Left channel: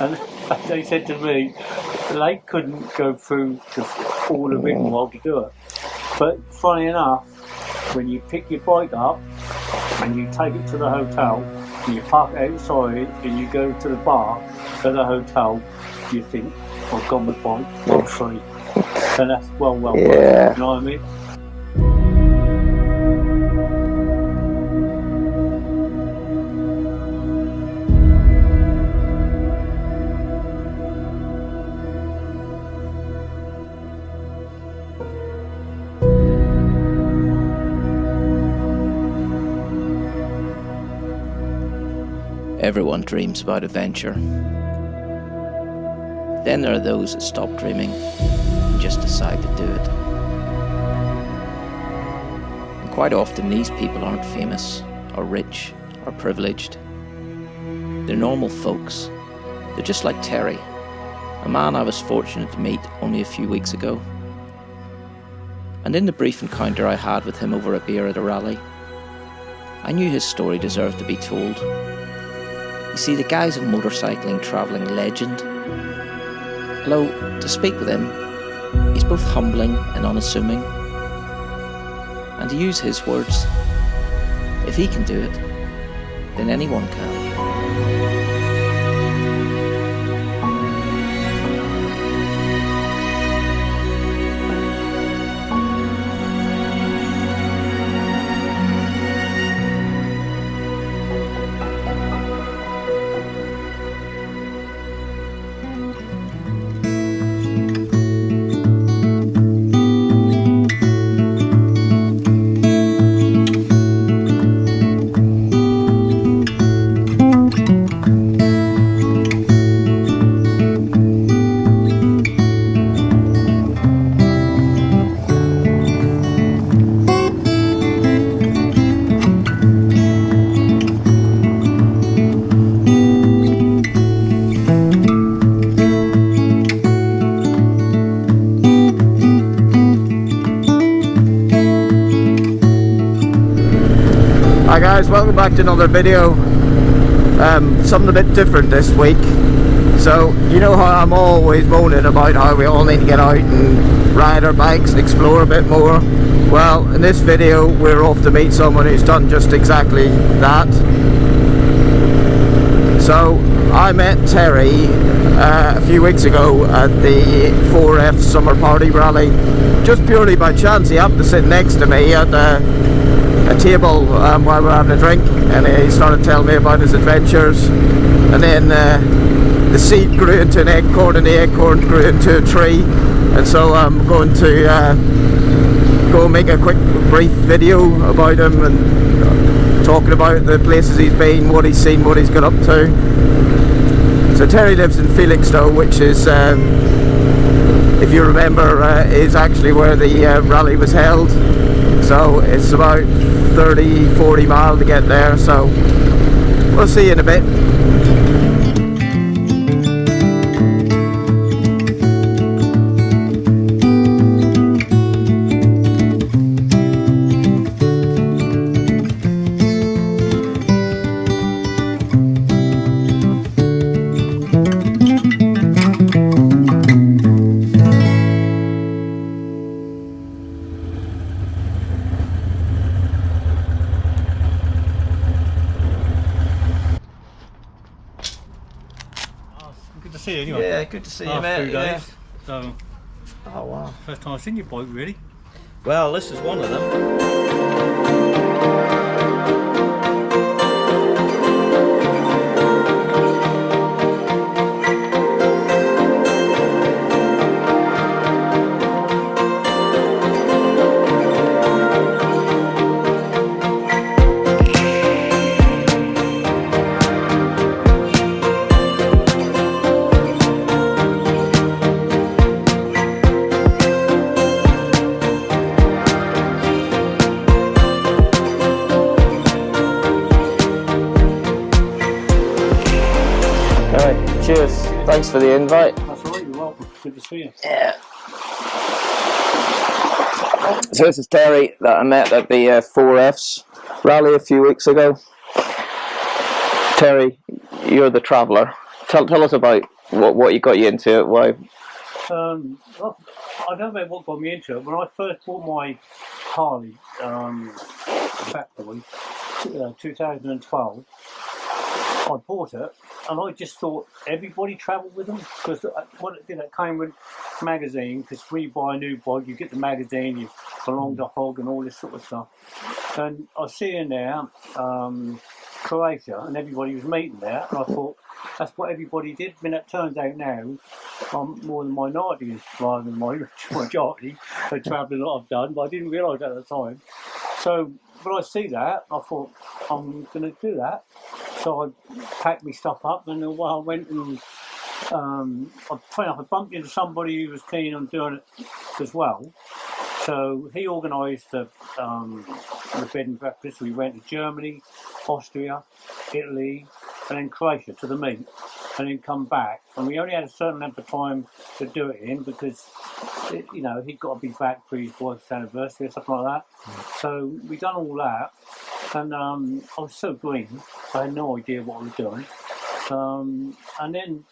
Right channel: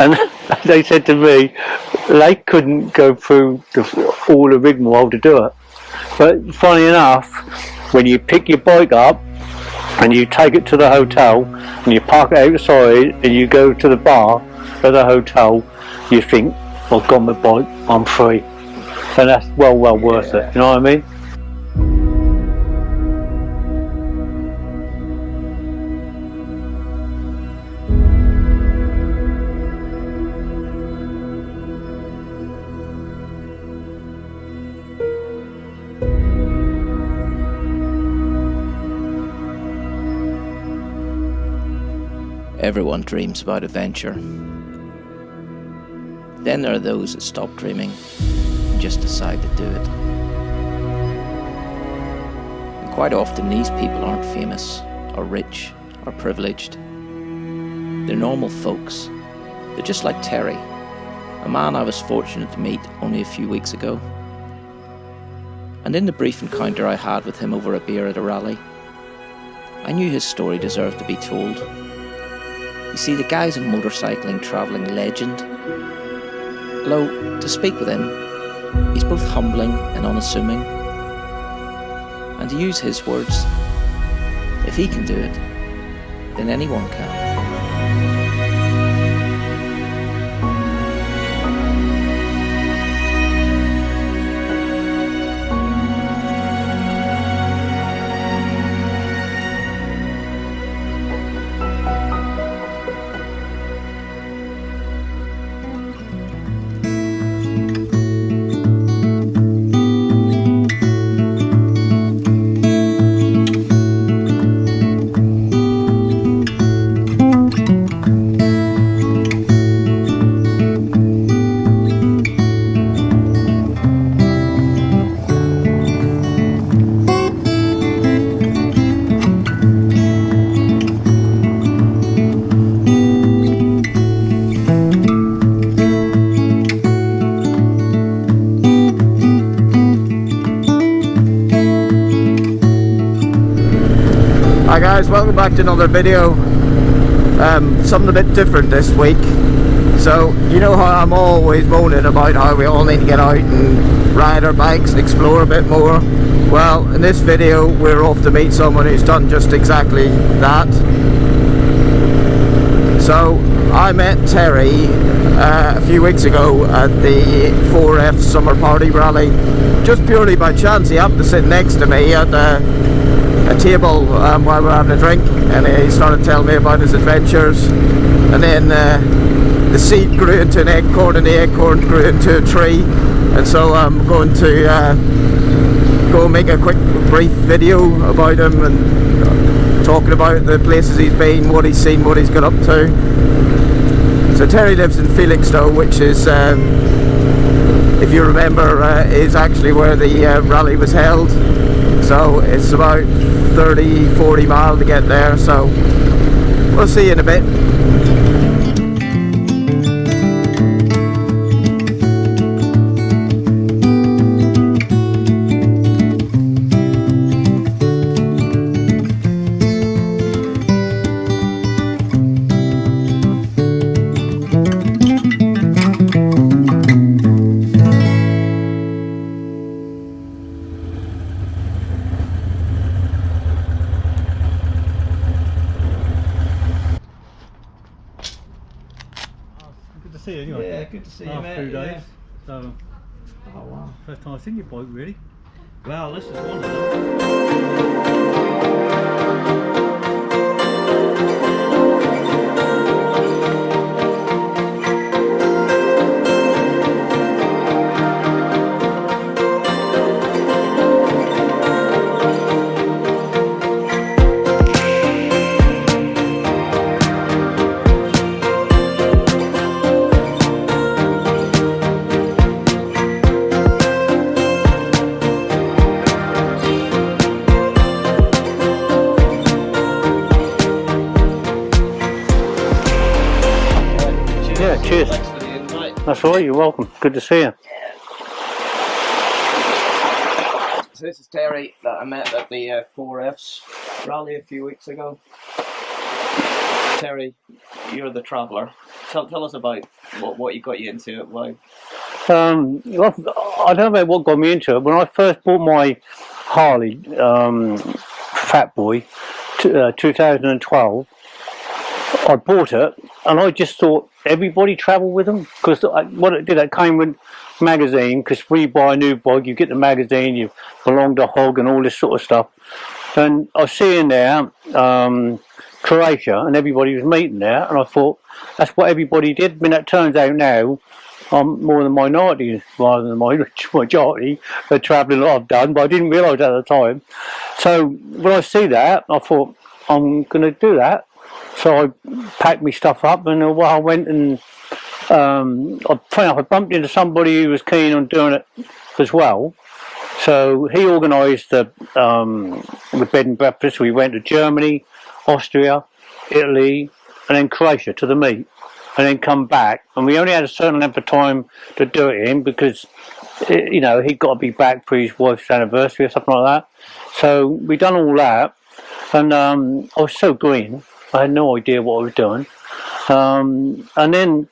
And they said to me they couldn't go through all the rigmarole to do it. But funny enough, when you pick your bike up and you take it to the hotel and you park it outside and you go to the bar at the hotel, you think, I've got my bike, I'm free. And that's well worth it, you know what I mean? Everyone dreams about adventure. Then there are those that stop dreaming and just decide to do it. And quite often these people aren't famous or rich or privileged. They're normal folks. They're just like Terry, a man I was fortunate to meet only a few weeks ago. And in the brief encounter I had with him over a beer at a rally, I knew his story deserved to be told. You see, the guy's a motorcycling travelling legend. Although, to speak with him, he's both humbling and unassuming. And to use his words, if he can do it, then anyone can. Hi guys, welcome back to another video. Something a bit different this week. So, you know how I'm always moaning about how we all need to get out and ride our bikes and explore a bit more. Well, in this video we're off to meet someone who's done just exactly that. So, I met Terry a few weeks ago at the 4F Summer Party Rally. Just purely by chance, he happened to sit next to me at a table while we were having a drink, and he started telling me about his adventures, and then the seed grew into an acorn, and the acorn grew into a tree, and so I'm going to go make a quick brief video about him and talking about the places he's been, what he's seen, what he's got up to. So Terry lives in Felixstowe, which is, if you remember, is actually where the rally was held. So it's about 30-40 miles to get there, so we'll see you in a bit. Good to see you anyway. Yeah, good to see you, mate. 2 days. So, oh wow. First time I've seen your bike, really. Well, this is one of them. Thanks for the invite. That's all right, you're welcome. Good to see you. Yeah. So this is Terry that I met at the 4Fs rally a few weeks ago. Terry, you're the traveller. Tell us about what got you into it. Why? Well, I don't know what got me into it. When I first bought my Harley Fat Boy, 2012, I bought it and I just thought everybody travelled with them, because what it did, it came with magazine, because when you buy a new bike you get the magazine, you belong to Hog and all this sort of stuff. And I was seeing there Croatia, and everybody was meeting there, and I thought that's what everybody did. I mean, it turns out now I'm more the minority rather than the majority of travelling that I've done, but I didn't realise at the time. So when I see that, I thought I'm going to do that. So I packed my stuff up, and I went and I bumped into somebody who was keen on doing it as well. So he organised the bed and breakfast. We went to Germany, Austria, Italy, and then Croatia to the meet, and then come back. And we only had a certain length of time to do it in, because he'd got to be back for his wife's anniversary or something like that. So we done all that, and I was so green, I had no idea what I was doing. And then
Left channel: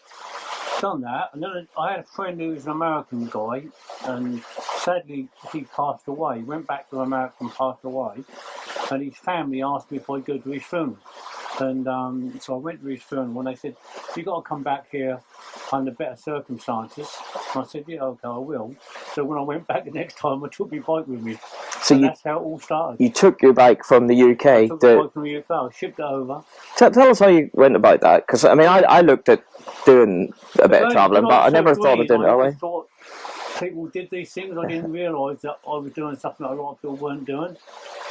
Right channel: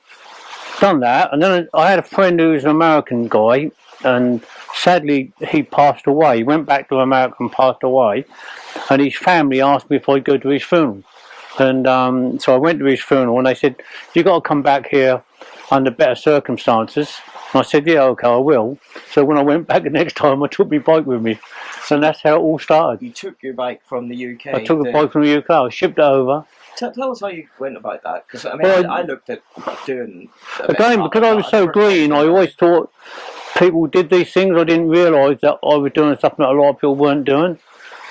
done that, and then I had a friend who was an American guy, and sadly he passed away. He went back to America and passed away, and his family asked me if I'd go to his funeral. And so I went to his funeral, and they said, "You got to come back here under better circumstances." And I said, "Yeah, okay, I will." So when I went back the next time, I took my bike with me, and that's how it all started. You took your bike from the UK. I took the bike from the UK. I shipped it over. Tell us how you went about that, because I mean, I looked at doing a bit of travelling, because I was so green, I always way. thought people did these things. I didn't realise that I was doing something that a lot of people weren't doing.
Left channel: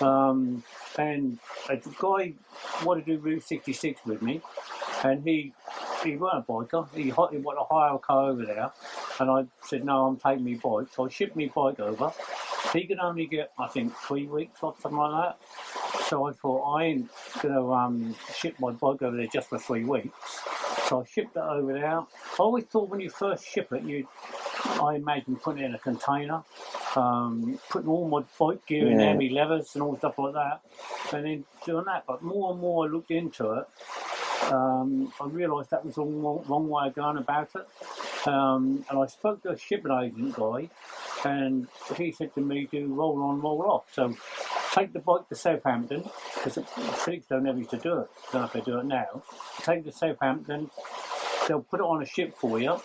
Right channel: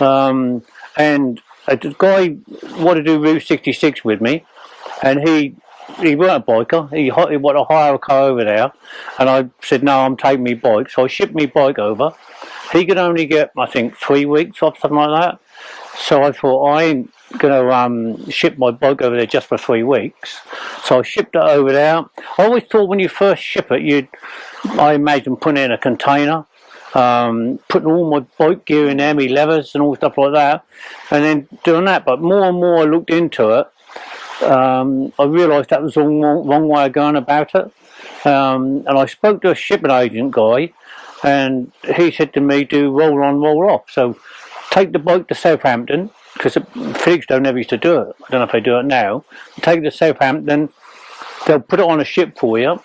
And the guy wanted to do Route 66 with me, and he weren't a biker. He wanted to hire a car over there, and I said, "No, I'm taking my bike." So I shipped my bike over. He could only get, I think, 3 weeks off, something like that. So I thought, I ain't going to ship my bike over there just for 3 weeks. So I shipped it over there. I always thought when you first ship it, I imagine putting it in a container, putting all my bike gear in there, my levers and all stuff like that, and then doing that. But more and more I looked into it, I realised that was the wrong way of going about it. And I spoke to a shipping agent guy, and he said to me, "Do roll on, roll off." So take the bike to Southampton, because Felixstowe never used to do it. I don't know if they do it now. Take it to Southampton, they'll put it on a ship for you,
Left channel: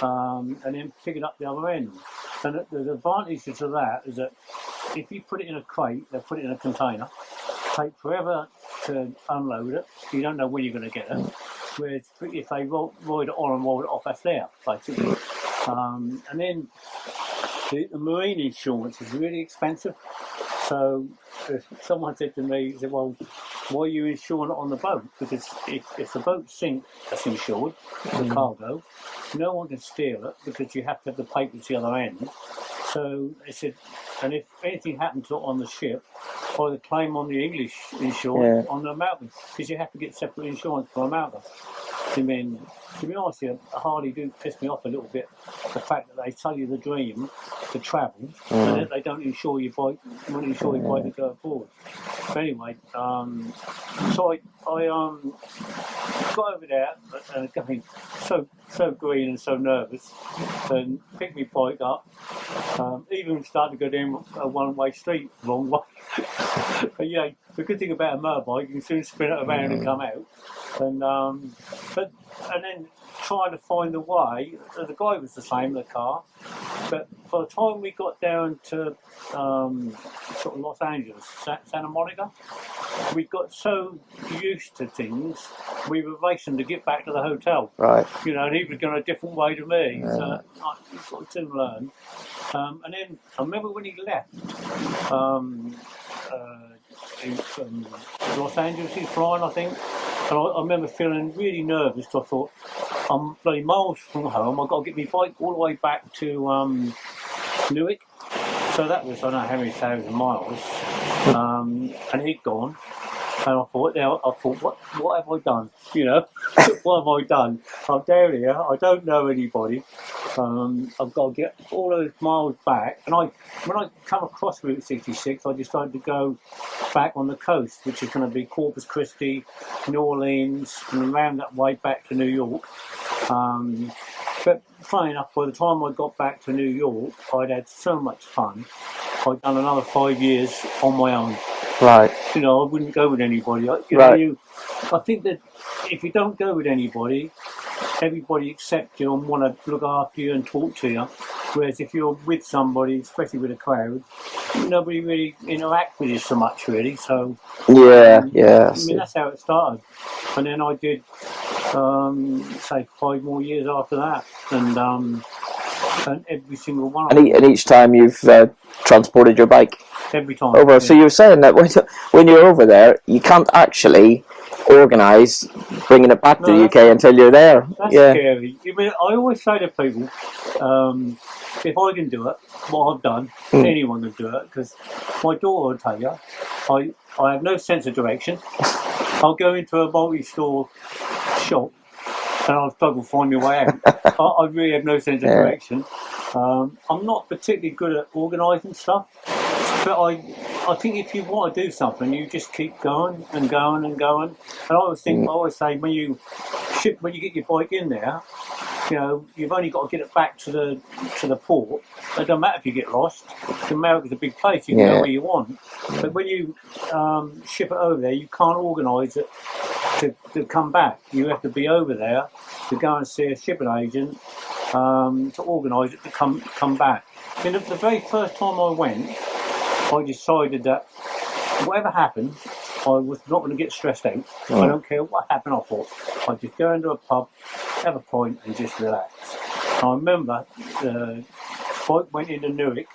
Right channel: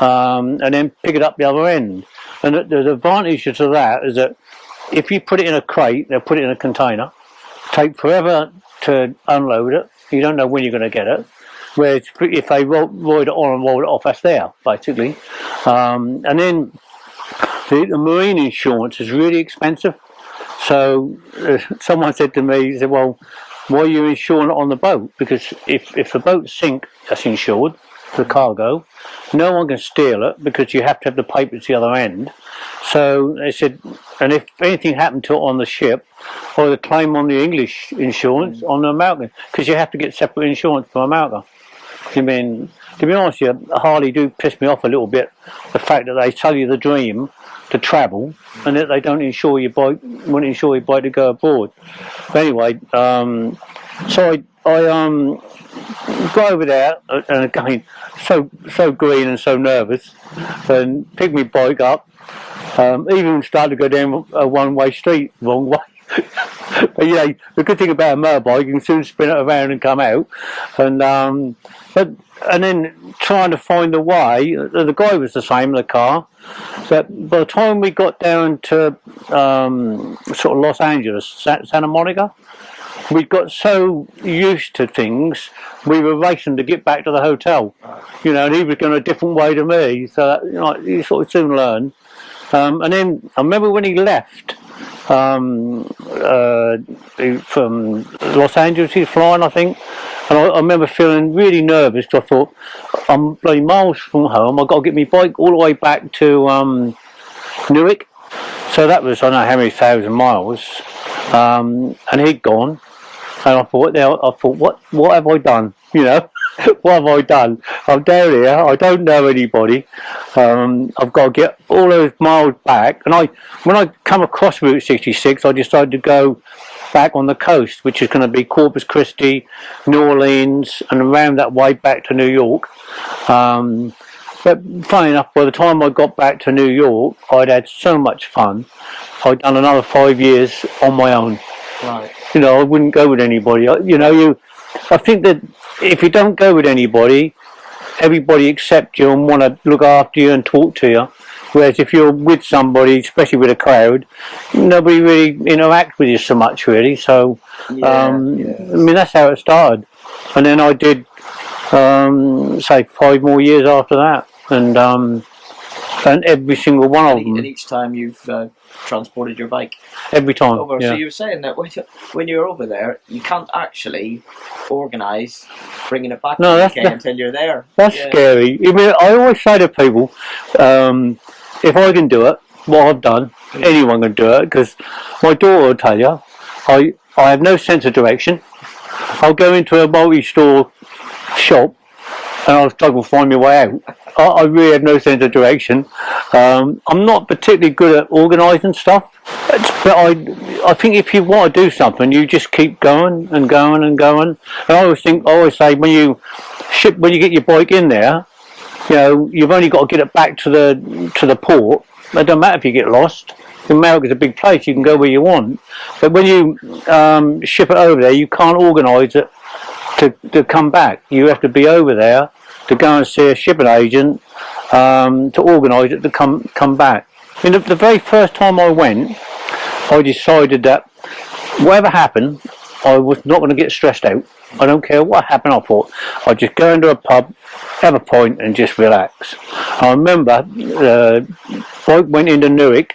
and then pick it up the other end. And the advantage to that is that if you put it in a crate, they'll put it in a container, take forever to unload it, you don't know when you're going to get it. Whereas if they roll it on and roll it off, that's there, basically. And then the marine insurance is really expensive. So someone said to me, he said, "Well, why are you insuring it on the boat? Because if the boat sinks, that's insured, the cargo. No one can steal it, because you have to have the papers the other end." So they said, and if anything happened to it on the ship, or the claim on the English insurance, on the American, because you have to get separate insurance from America. I mean, to be honest with you, Harley do piss me off a little bit, the fact that they tell you the dream to travel, and that they don't insure your bike, won't insure your bike to go abroad. But anyway, so I go over there, and again, so green and so nervous, and pick my bike up, even started to go down a one-way street, wrong way. But the good thing about a motorbike, you can soon spin it around and come out. And then trying to find a way, the guy was the same, the car. But by the time we got down to sort of Los Angeles, Santa Monica, we got so used to things, we were racing to get back to the hotel. Right. And he was going a different way to me. Yeah. So you sort of soon learn. And then I remember when he left from Los Angeles, he was flying, I think. And I remember feeling really nervous, because I thought, I'm bloody miles from home, I've got to get my bike all the way back to Newark. So that was, I don't know how many thousand miles. And he'd gone. And I thought, what have I done? What have I done? I'm down here, I don't know anybody. I've got to get all those miles back. And when I come across Route 66, I decided to go back on the coast, which is going to be Corpus Christi, New Orleans, and around that way back to New York. But funny enough, by the time I got back to New York, I'd had so much fun. I'd done another 5 years on my own. Right. You know, I wouldn't go with anybody. I think that if you don't go with anybody, everybody accepts you and want to look after you and talk to you. Whereas if you're with somebody, especially with a crowd, nobody really interacts with you so much, really. So, Yeah. I mean, that's how it started. And then I did, say, 5 more years after that. And every single one of them. And each time you've transported your bike Every time. over. Yeah. So you were saying that when you're over there, you can't actually organise bringing it back to the UK until you're there. That's scary. I mean, I always say to people, if I can do it, what I've done, anyone can do it. Because my daughter will tell you, I have no sense of direction. I'll go into a multi-store shop and I'll struggle to find my way out. I really have no sense of direction. I'm not particularly good at organising stuff, but I think if you want to do something, you just keep going and going and going. And I always say when you get your bike in there, you know, you've only got to get it back to the port. It doesn't matter if you get lost. America's a big place; you can go where you want. But when you ship it over there, you can't organise it to come back. You have to be over there to go and see a shipping agent to organise it to come back. I mean, the very first time I went, I decided that whatever happened, I was not going to get stressed out. I don't care what happened. I thought I'd just go into a pub, have a pint, and just relax. I remember I went into Newark,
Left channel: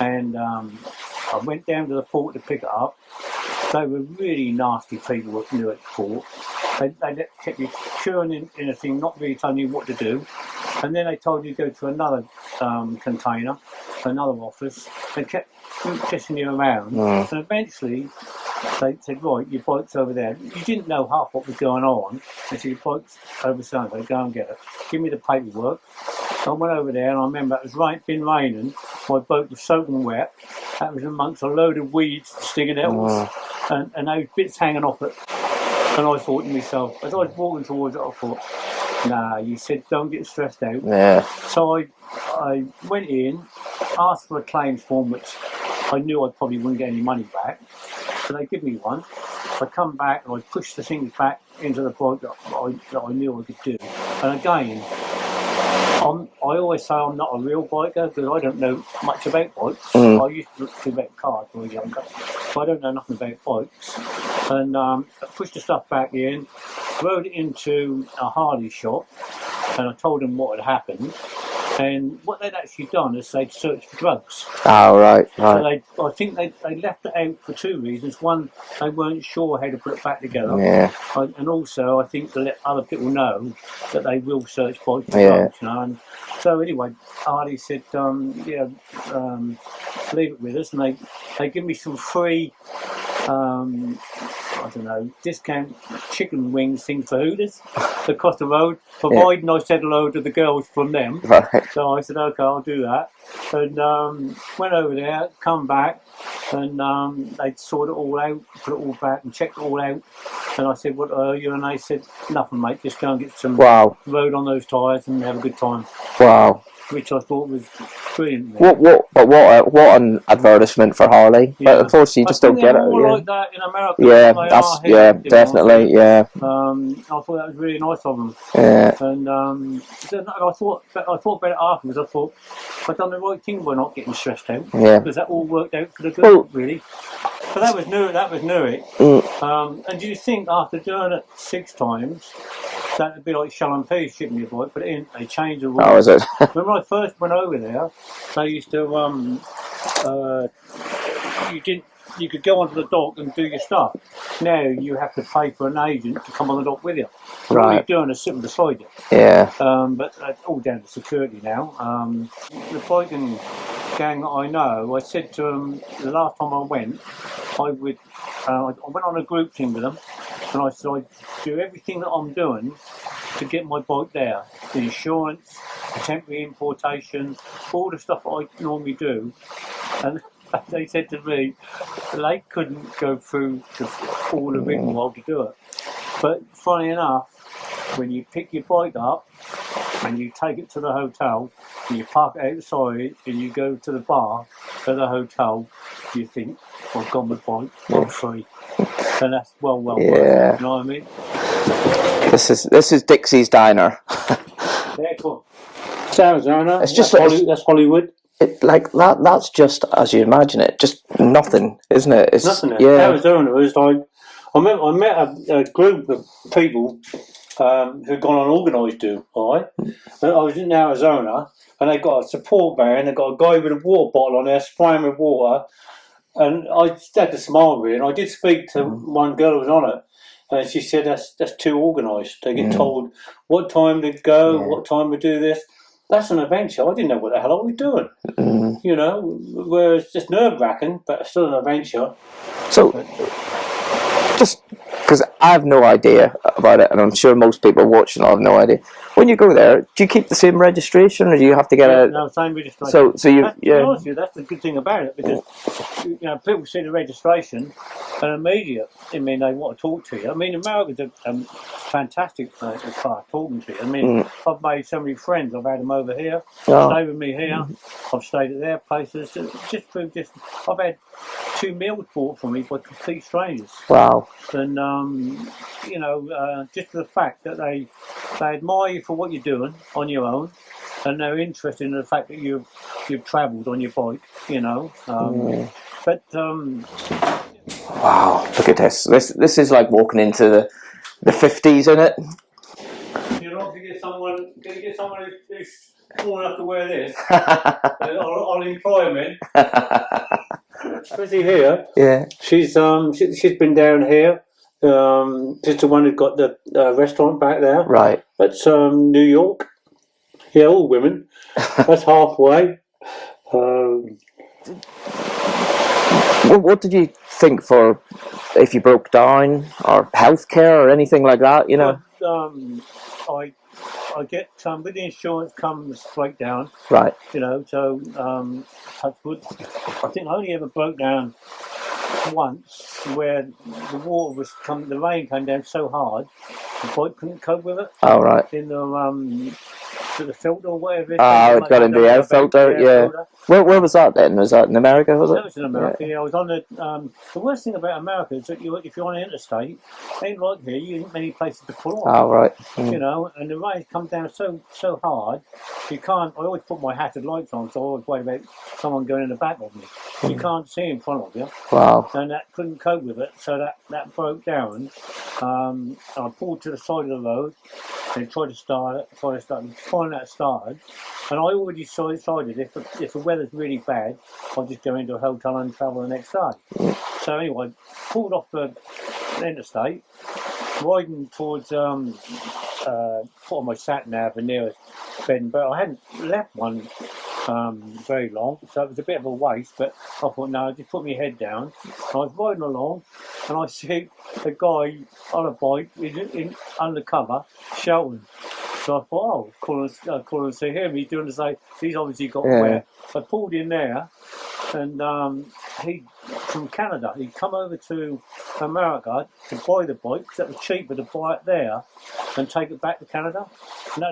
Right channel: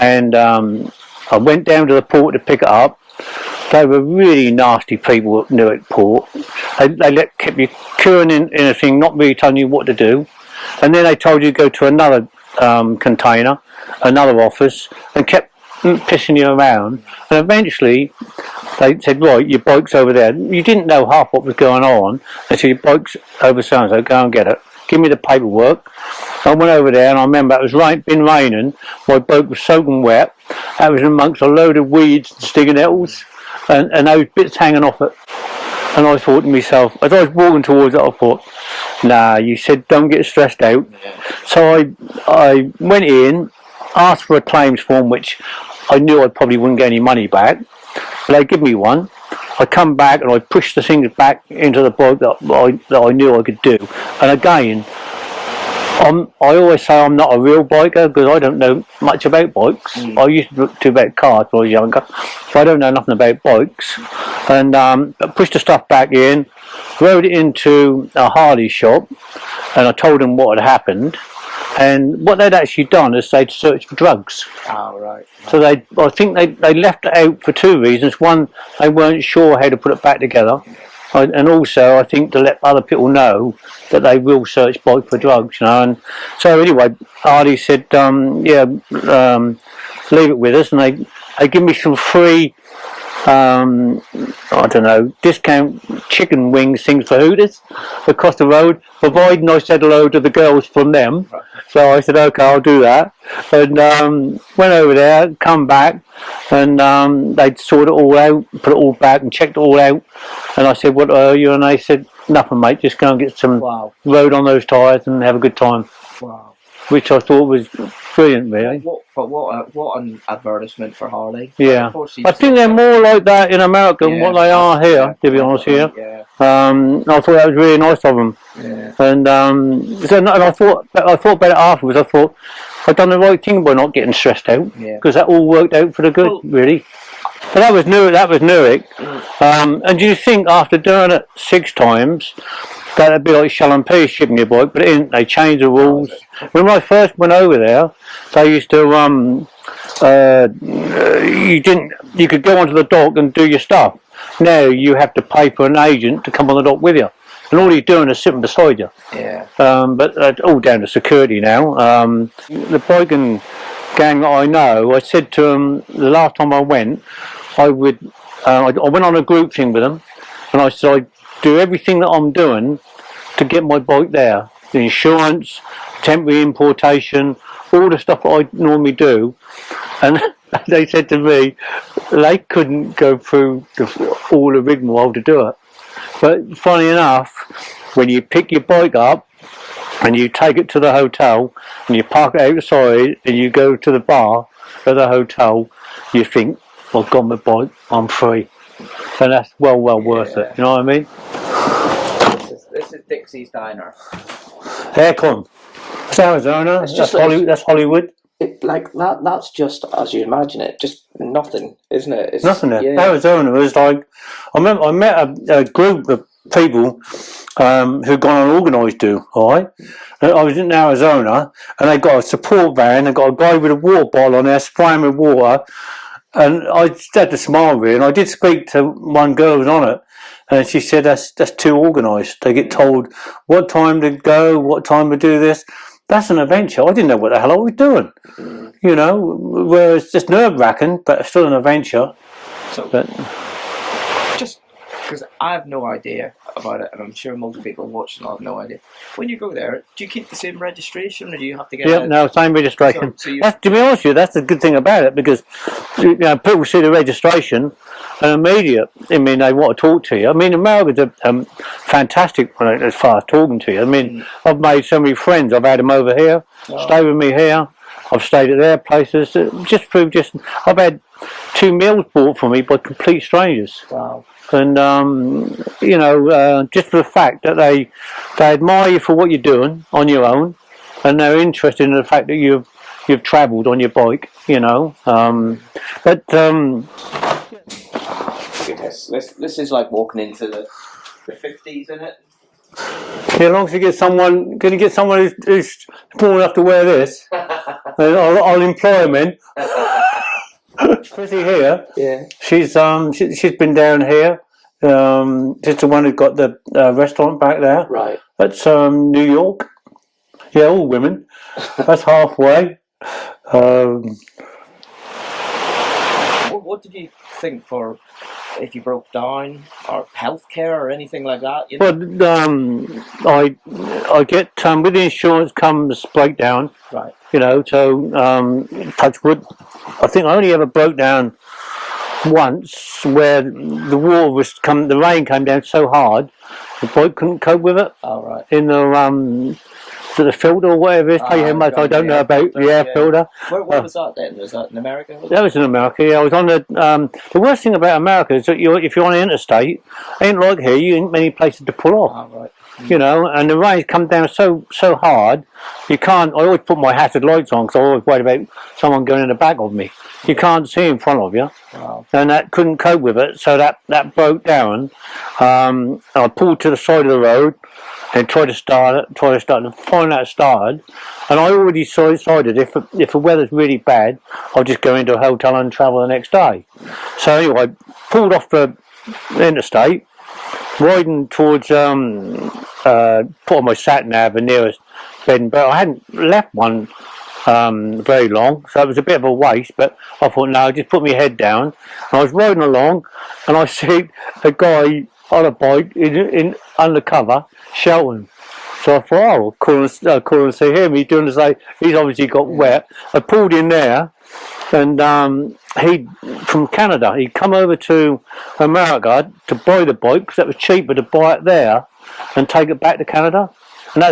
and I went down to the port to pick it up. They were really nasty people at Newark Port. They kept you queuing in a thing, not really telling you what to do. And then they told you to go to another container, another office, and kept pissing you around. And eventually they said, right, your bike's over there. You didn't know half what was going on. They said, your bike's over so-and-so, go and get it. Give me the paperwork. I went over there and I remember it was been raining. My boat was soaking wet. I was amongst a load of weeds and stinging nettles. And those bits hanging off it. And I thought to myself, as I was walking towards it, I thought, nah, you said don't get stressed out. Yeah. So I went in, asked for a claims form, which I knew I probably wouldn't get any money back. But they give me one. I come back and I pushed the things back into the boat that I knew I could do. And again, I always say I'm not a real biker because I don't know much about bikes. I used to do about cars when I was younger, so I don't know nothing about bikes. And pushed the stuff back in, rode it into a Harley shop, and I told them what had happened. And what they'd actually done is they'd searched for drugs. Oh, right. So I think they left it out for 2 reasons. One, they weren't sure how to put it back together. Yeah. And also, I think to let other people know that they will search bike for drugs. You know. And so anyway, Harley said, leave it with us. And they give me some free, I don't know, discount chicken wings things for Hooters across the road, providing I said hello to the girls from them. Right. So I said, okay, I'll do that. And went over there, come back, and they'd sorted it all out, put it all back and checked it all out. And I said, what are you? And they said, nothing, mate, just go and get some road on those tyres and have a good time. Wow. Which I thought was brilliant, really. What an advertisement for Harley. Yeah. Unfortunately, I think they're more like that in America than what they are here, yeah, to be honest with you. Yeah. I thought that was really nice of them. Yeah. And I thought about it afterwards. I thought I'd done the right thing by not getting stressed out. Yeah. Because that all worked out for the good, really. But that was Newark. And do you think after doing it 6 times, that'd be like Shell and P shipping your bike, but they changed the rules. How is it? When I first went over there, they used to you could go onto the dock and do your stuff. Now you have to pay for an agent to come on the dock with you, and all you're doing is sitting beside you. Yeah. But it's all down to security now. The biking gang that I know, I said to them the last time I went, I went on a group thing with them, and I said I'd do everything that I'm doing to get my bike there. The insurance, temporary importation, all the stuff that I normally do. And they said to me they couldn't go through all the rigmarole to do it. But funny enough, when you pick your bike up and you take it to the hotel and you park it outside and you go to the bar at the hotel, you think, I've got my bike, I'm free. And that's well worth it, you know what I mean? This is Dixie's Diner. Aircon. It's Arizona, It's just that's Hollywood. Like that's just as you imagine it, just nothing, isn't it? It's nothing there. Arizona was like, I met a group of people who'd gone on organised do, alright? I was in Arizona and they got a support van, they got a guy with a water bottle on there spraying with water, and I just had to smile really, and I did speak to one girl who was on it, and she said that's too organised. They get told what time to go, what time to do this. That's an adventure. I didn't know what the hell I was doing. You know, whereas just nerve-wracking, but still an adventure. So, just because I have no idea about it, and I'm sure most people watching have no idea. When you go there, do you keep the same registration, or do you have to get no, same registration. So you, to be honest with you, that's the good thing about it, because people see the registration and immediate. I mean, they want to talk to you. I mean, America's a fantastic as far as talking to you. I mean, I've made so many friends. I've had them over here, stay with me here. I've stayed at their places. I've had 2 meals bought for me by complete strangers. Wow. And just for the fact that they admire you for what you're doing on your own, and they're interested in the fact that you've travelled on your bike. Wow, look at this. This is like walking into the 50s, isn't it? Yeah, as long as you get someone, who's tall enough to wear this, I'll employ them in. Especially here. Yeah. She's been down here. She's the one who got the restaurant back there. Right. That's New York. Yeah, all women. That's halfway. What did you think for if you broke down, or healthcare, or anything like that? You know. Well, I get with the insurance comes breakdown. Right. You know, so touch wood. I think I only ever broke down once, where the rain came down so hard, the bike couldn't cope with it. Oh, right. In the filter or whatever it is. I don't know about the air filter. Where was that then? Was that in America? Was it? That was in America. Yeah, I was on the worst thing about America is that if you're on the interstate, ain't like here. You ain't many places to pull off. Oh, right. You know, and the rain's come down so hard, you can't. I always put my hazard lights on because I always worried about someone going in the back of me. You can't see in front of you. Wow. And that couldn't cope with it, so that broke down. I pulled to the side of the road and tried to start it, and finally it started. And I already decided if the weather's really bad, I'll just go into a hotel and travel the next day. So anyway, pulled off the interstate, riding towards put on my sat nav, the nearest bed and breakfast. I hadn't left one very long, so it was a bit of a waste, but I thought, no, just put my head down. And I was riding along and I see a guy on a bike in undercover shouting. So I thought, I'll call and see him. He's doing the same. He's obviously got wet. I pulled in there, and he from Canada. He'd come over to America to buy the bike because that was cheaper to buy it there and take it back to Canada. And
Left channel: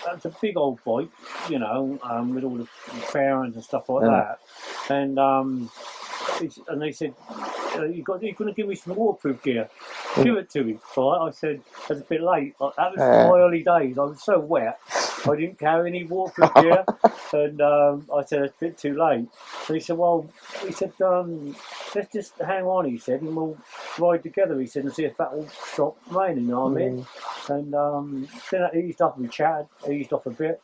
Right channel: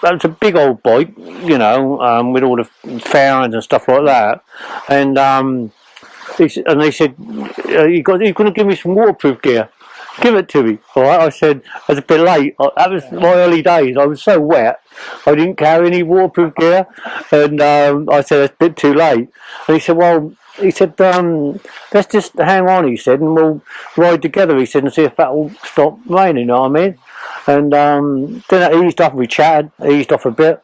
that's a big old bike, you know, with all the fairings and stuff like that. And they said, you're going to give me some waterproof gear. Give it to me. All right, I said, I was a bit late. That was my early days. I was so wet, I didn't carry any waterproof gear. And I said, it's a bit too late. And he said, let's just hang on, he said, and we'll ride together, he said, and see if that'll stop raining, you know what I mean? And then it eased off, we chatted, eased off a bit.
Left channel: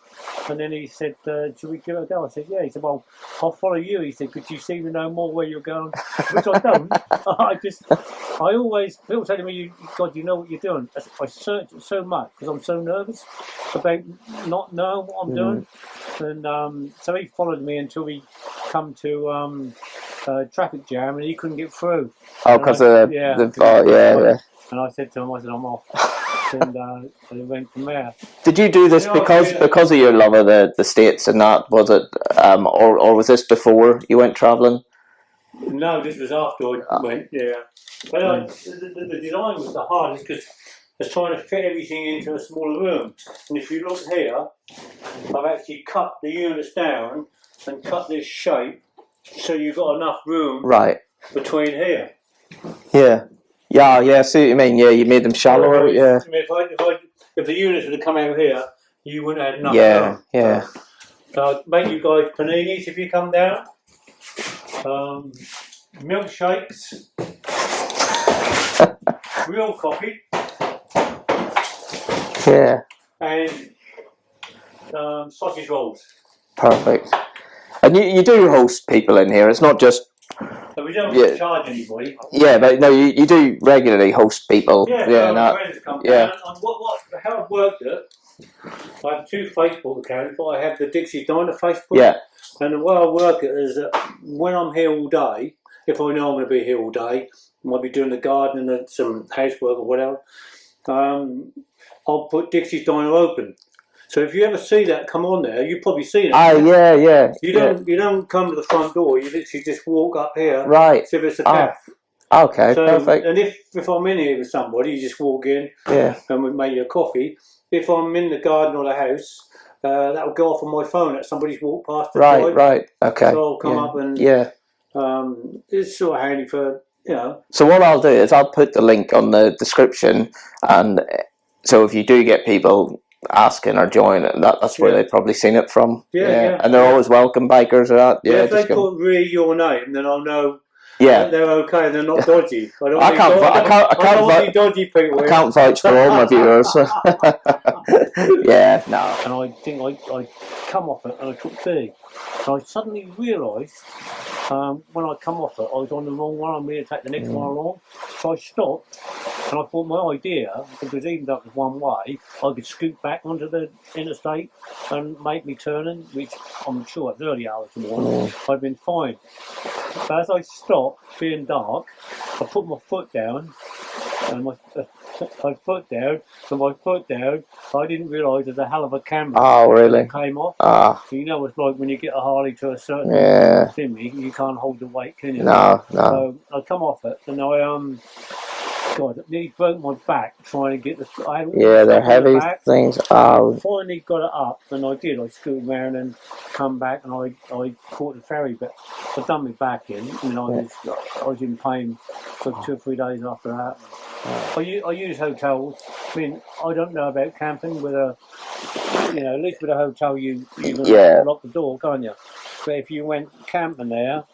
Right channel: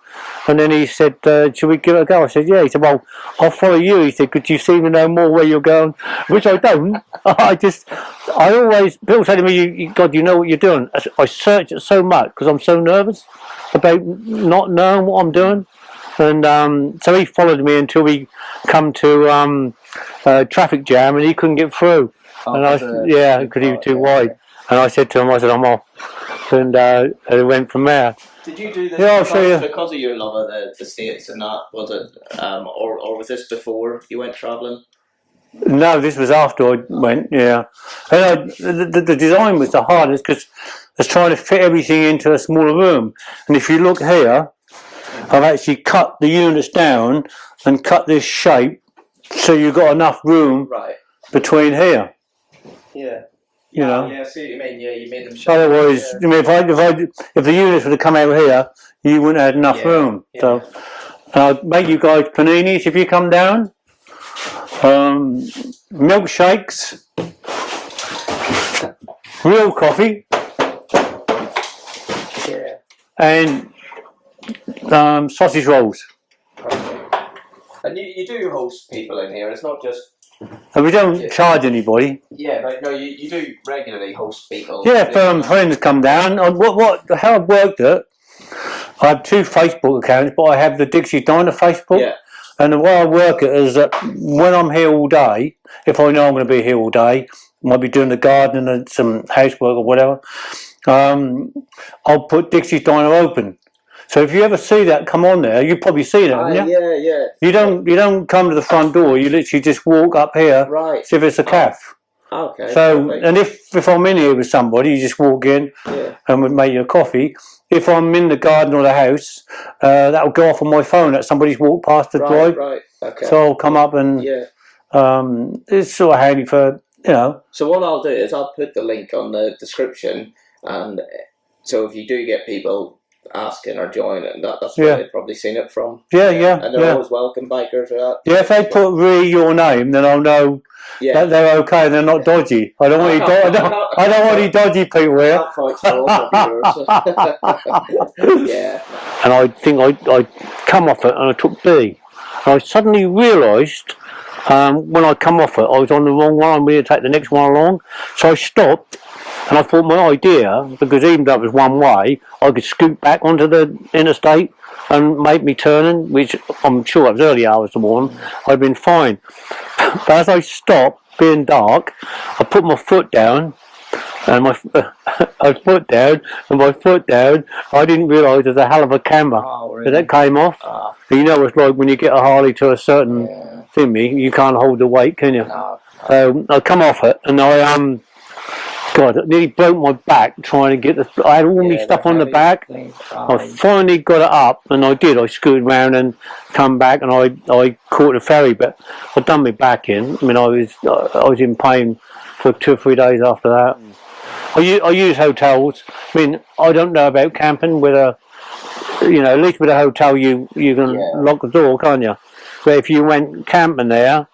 And then he said, should we give it a go? I said, yeah. He said, well, I'll follow you. He said, could you seem to know more where you're going? Which I don't. I always, people say to me, God, you know what you're doing. I search it so much because I'm so nervous about not knowing what I'm doing. And so he followed me until we come to traffic jam and he couldn't get through. Oh, because he was too wide. Yeah. And I said to him, I'm off. And it went from there. Did you do this because of your love of the States and that, was it? Or was this before you went travelling? No, this was after I went, yeah. And the design was the hardest because I was trying to fit everything into a smaller room. And if you look here, I've actually cut the units down and cut this shape so you've got enough room Right. between here. Yeah. Yeah, I see what you mean. Yeah, you made them shallower. Otherwise, Yeah. I mean, if the units would have come out here, you wouldn't have had enough room. Yeah. So, and I'll make you guys paninis if you come down. Milkshakes, real coffee, Yeah. and sausage rolls. Perfect. And you do host people in here. It's not just. And we don't charge anybody. Yeah, but no, you do regularly host people. Yeah, friends come down. How I've worked it, I have 2 Facebook accounts, but I have the Dixie Diner Facebook. Yeah. And the way I work it is that when I'm here all day, if I know I'm going to be here all day, might be doing the garden and some housework or whatever, I'll put Dixie Diner open. So if you ever see that come on there, you probably see that. Yeah. You don't come to the front door. You literally just walk up here. Right. See if it's a cafe. Okay. So perfect. and if I'm in here with somebody, you just walk in. Yeah. And we make you a coffee. If I'm in the garden or the house, that'll go off on my phone that somebody's walked past the drive. Right. Okay. So I'll come up and it's sort of handy for So what I'll do is I'll put the link on the description, and so if you do get people asking or joining, that's where they've probably seen it from. Yeah. And they're always welcome, bikers or that. Yeah, if they put your name, then I'll know. Yeah, they're okay. They're not dodgy. I don't want any dodgy people here. I can't vouch for all my viewers. Yeah, no. And I think I come off it and I took B. And I suddenly realised when I come off it, I was on the wrong one. I needed to take the next one along. So I stopped and I thought my idea, because even though it was one way, I could scoot back onto the interstate and make me turning, which I'm sure it was early hours of the morning. I'd been fine. But as I stopped, being dark, I put my foot down, and my foot down, I didn't realise there's a hell of a camber that came off. You know it's like when you get a Harley to a certain thing, you can't hold the weight, can you? No. So I come off it, and God, I nearly broke my back trying to get I had all this stuff on the back. I finally got it up, and I did. I scooted round and come back, and I caught the ferry, but I'd done my back in. I mean, I was in pain for 2 or 3 days after that. I use hotels. I mean, I don't know about camping. At least with a hotel, you can lock the door, can't you? But if you went camping there,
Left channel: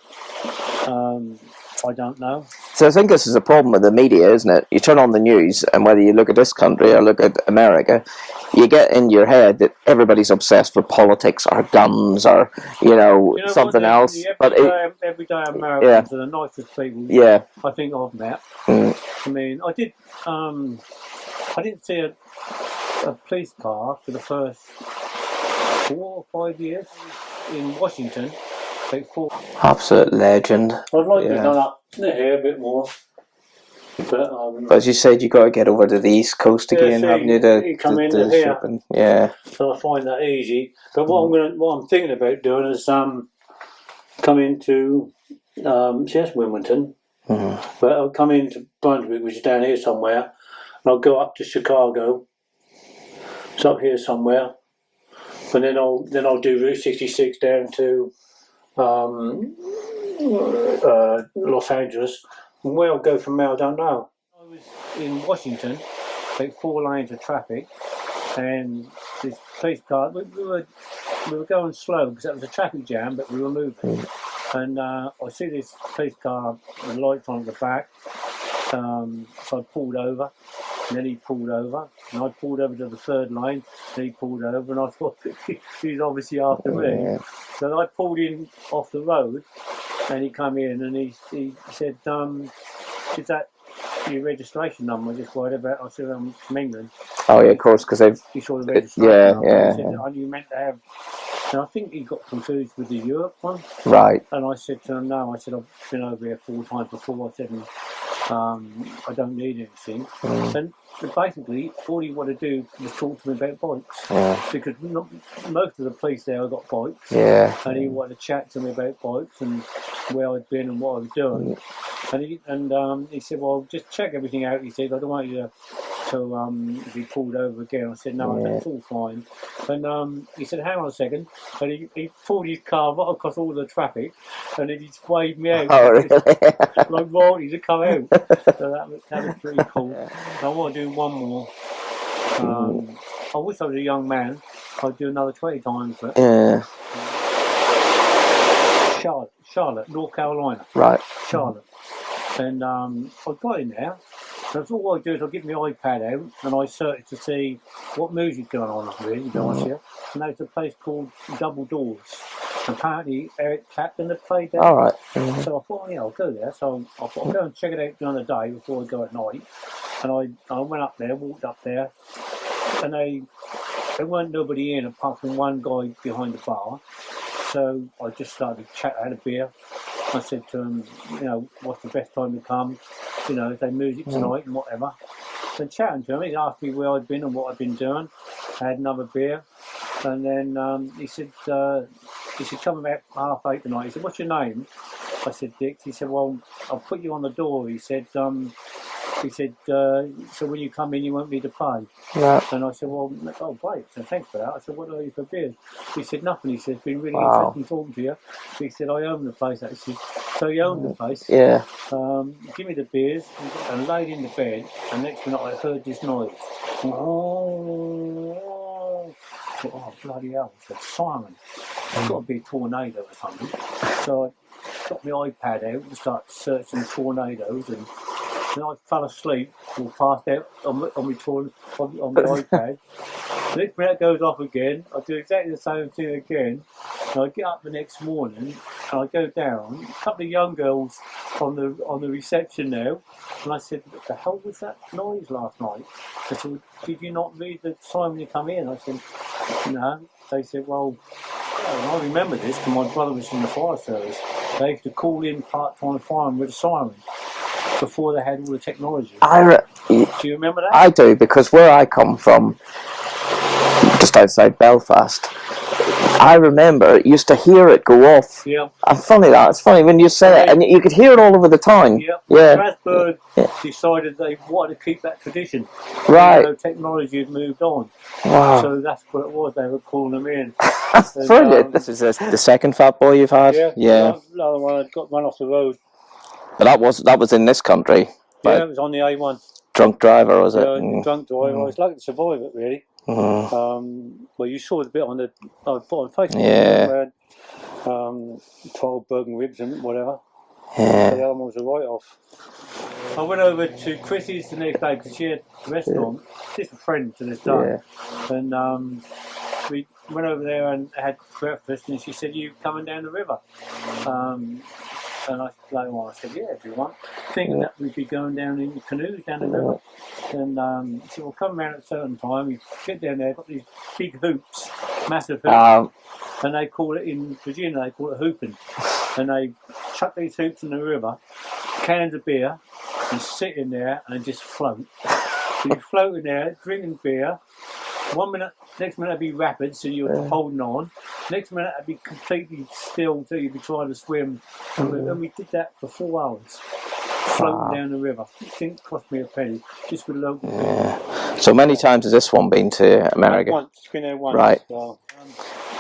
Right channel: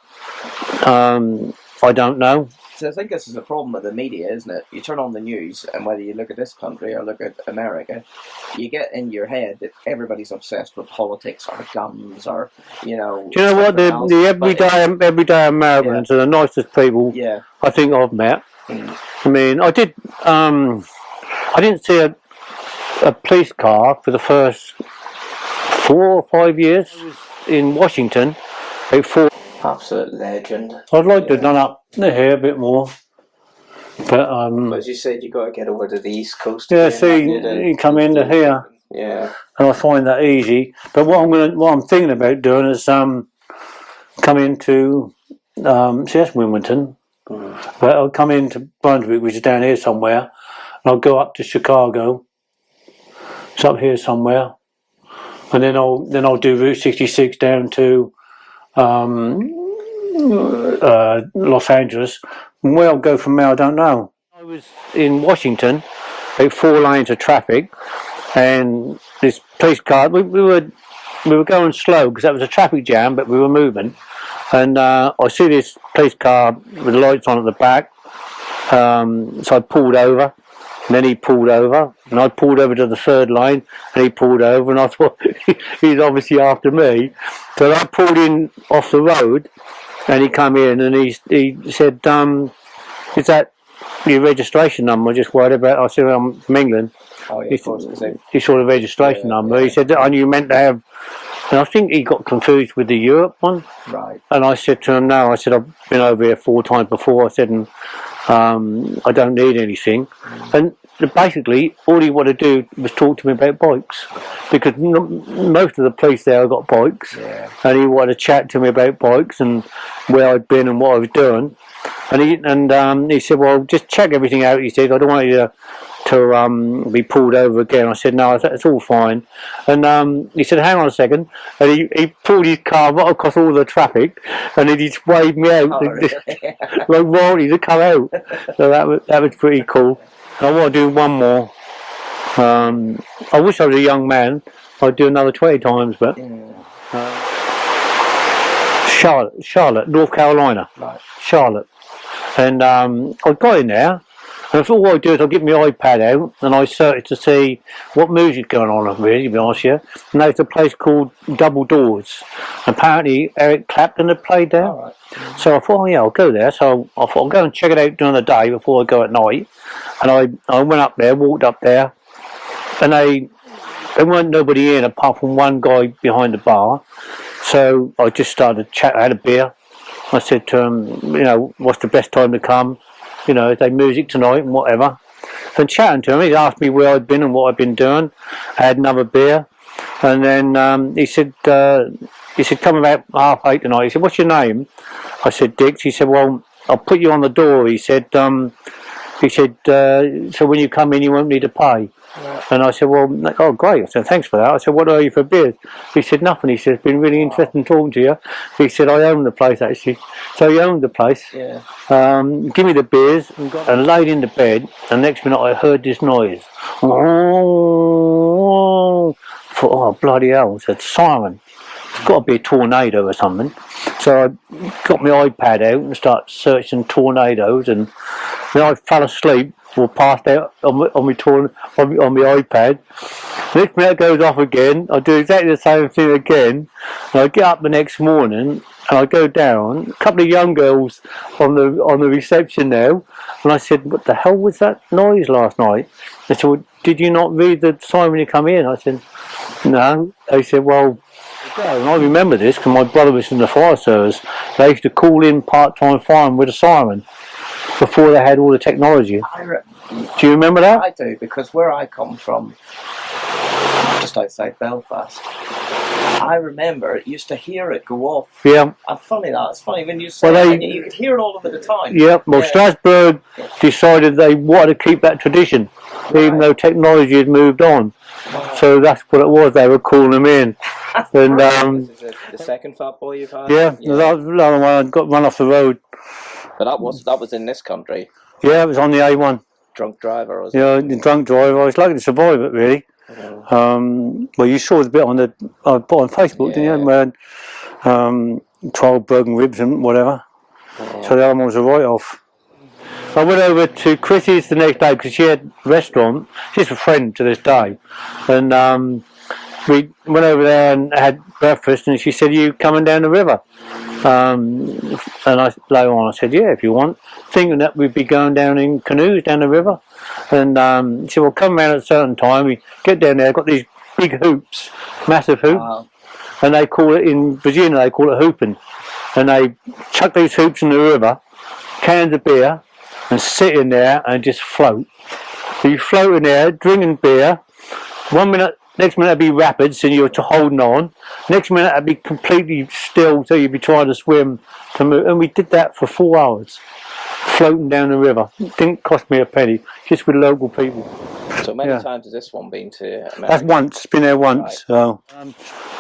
I don't know. So I think this is a problem with the media, isn't it? You turn on the news, and whether you look at this country or look at America, you get in your head that everybody's obsessed with politics or guns or Do you know something what? else. The everyday Americans are the nicest people I think I've met. I mean, I didn't see a police car for the first 4 or 5 years in Washington. Absolute legend. I'd like to have done up here a bit more. But as you said, you got to get over to the East Coast again. You come into here. And I find that easy. But what I'm thinking about doing is come into that's Wilmington. But I'll come into Brunswick, which is down here somewhere, and I'll go up to Chicago. It's up here somewhere, and then I'll do Route 66 down to Los Angeles. And where I'll go from there, I don't know. I was in Washington, about 4 lanes of traffic, and this police car. We were going slow because that was a traffic jam, but we were moving. And I see this police car with the lights on at the back. So I pulled over, and then he pulled over, and I pulled over to the 3rd lane, and he pulled over, and I thought he's obviously after me. So I pulled in off the road, and he come in, and he said, "Is that your registration number?" I just worried about. I said, "I'm from England." Oh yeah, of course, because he saw the registration number. He said, "I knew you meant to have." And I think he got confused with the Europe one. Right. And I said to him, "No." I said, "I've been over here 4 times before." I said, "And I don't need anything." And basically all he wanted to do was talk to me about bikes, because most of the police there have got bikes, and he wanted to chat to me about bikes and where I'd been and what I was doing. And he said, well, just check everything out. He said, I don't want you to be pulled over again. I said, no, it's all fine. And he said, hang on a second. And he pulled his car right across all the traffic, and then he just waved me out. Oh, really? Like Ronnie to come out. So that was pretty cool. I want to do one more. I wish I was a young man. I'd do another 20 times, but Charlotte, North Carolina. Right. Charlotte. And I got in there, and I thought what I'd do is I'd get my iPad out and I searched to see what music's going on, really, to be honest with you. And there's a place called Double Doors. Apparently Eric Clapton had played there. All right. So I thought, oh yeah, I'll go there. So I thought I'll go and check it out during the day before I go at night. And I went up there, walked up there, and there weren't nobody in apart from one guy behind the bar. So I just started to chat. I had a beer. I said to him, you know, what's the best time to come? You know, is there music tonight and whatever. And chatting to him, he asked me where I'd been and what I'd been doing. I had another beer. And then he said, come about 8:30 tonight. He said, what's your name? I said, Dix. He said, well, I'll put you on the door. He said, so when you come in, you won't need to pay. Right. And I said, well, oh, great. I said, thanks for that. I said, what are you for beers? He said, nothing. He said, it's been really interesting talking to you. He said, I own the place, actually. So he owned the place. Yeah. Give me the beers, and laid in the bed, and next minute I heard this noise. Oh, I thought, oh, bloody hell. I said, siren. It's got to be a tornado or something. So I got my iPad out and started searching tornadoes, and then I fell asleep or passed out on my iPad. Next minute it goes off again. I do exactly the same thing again. And I get up the next morning and I go down. A couple of young girls on the reception now, and I said, "What the hell was that noise last night?" They said, well, "Did you not read the sign when you come in?" I said, "No." They said, "Well." And I remember this because my brother was in the fire service. They used to call in part-time firemen with a siren before they had all the technology. Do you remember that? I do, because where I come from, just outside Belfast, I remember used to hear it go off. Yeah. And it's funny when you say it, and you could hear it all over the town. Yeah. Well, Strasbourg decided they wanted to keep that tradition, even though technology had moved on. Wow. So that's what it was. They were calling them in. And, this is the second fat boy you've had. Yeah. The other one got run off the road. But that was in this country. Yeah, right? it was on the A1. Drunk driver, was it? Yeah, the drunk driver. I was lucky to survive it, really. Well, you saw the bit on Facebook, remember? 12 broken ribs and whatever. Yeah. So the other one was a write-off. I went over to Chrissy's the next day because she had a restaurant. She's a friend to this day. Yeah. And we went over there and had breakfast, and she said, "You coming down the river?" And later on I said, "Yeah, if you want," thinking that we'd be going down in canoes down the river. And she said, "Well, come around at a certain time." We get down there, got these big hoops, massive hoops, and they call it, in Virginia they call it hooping. And they chuck these hoops in the river, cans of beer, and sit in there and just float. So you float in there, drinking beer. 1 minute, next minute it'd be rapids, and you're holding on. Next minute it'd be completely still, so you'd be trying to swim. And we did that for 4 hours, floating down the river. It didn't cost me a penny, just with local people. So many times has this one been to America? That's once, been there once. Right. So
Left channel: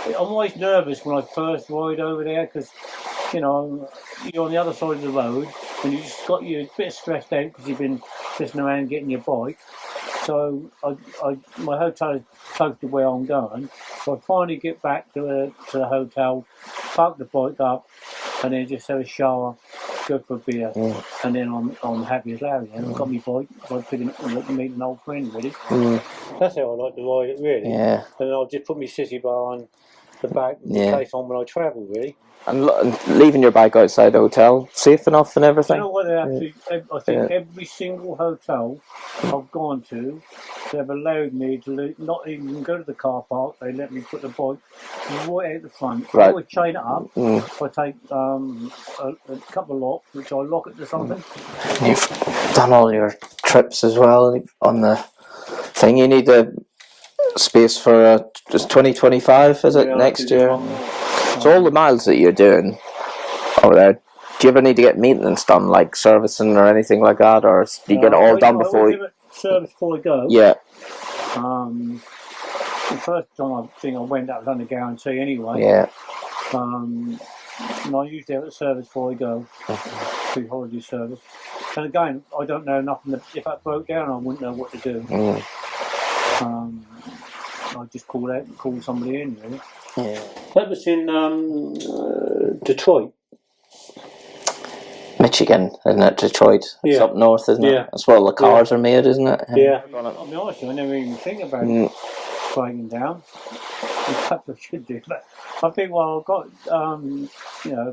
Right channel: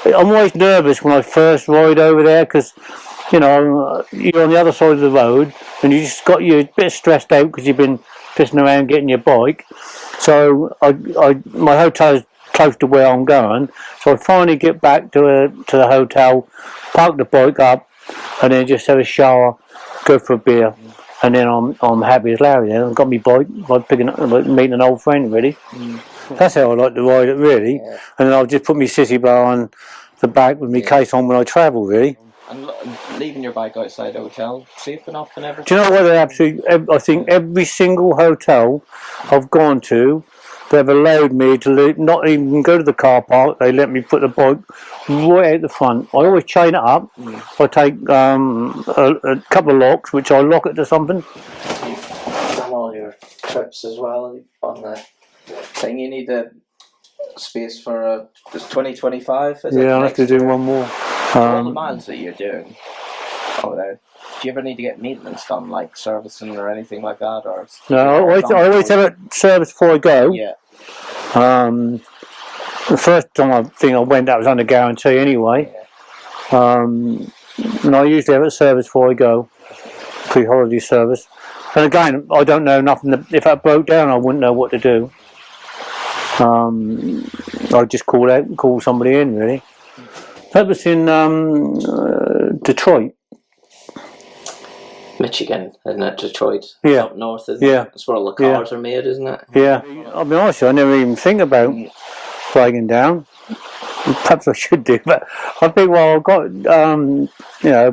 I'm always nervous when I first ride over there because, you know, you're on the other side of the road and you're a bit stressed out because you've been pissing around getting your bike. So my hotel is close to where I'm going, so I finally get back to the hotel, park the bike up, and then just have a shower, go for a beer, and then I'm happy as Larry. Then I've got my bike, meeting an old friend, really. That's how I like to ride it, really. Yeah. And then I'll just put my sissy bar on the back with my case on when I travel, really. And leaving your bike outside the hotel, safe enough and everything? Do you know what? I think every single hotel I've gone to, they've allowed me to not even go to the car park. They let me put the bike right out the front. I always chain it up. I take a couple of locks, which I lock it to something. You've done all your trips as well on the thing. You need the space for just 2025, is it? Yeah, next I have to year? do one more. So all the miles that you're doing over there, do you ever need to get maintenance done, like servicing or anything like that, or you get it all done I always before? have it serviced before I go. Yeah. The first time I went, that was under guarantee anyway. Yeah. And I usually have it serviced before I go, pre-holiday service. And again, I don't know nothing. If that broke down, I wouldn't know what to do. I'd just call somebody in, really. That was in Detroit. Michigan, isn't it? Detroit. It's Yeah. up north, isn't Yeah. it? That's where all the cars are made, isn't it? Yeah. I'll be honest, I never even think about breaking down. Perhaps I should do, but I think, well, I've got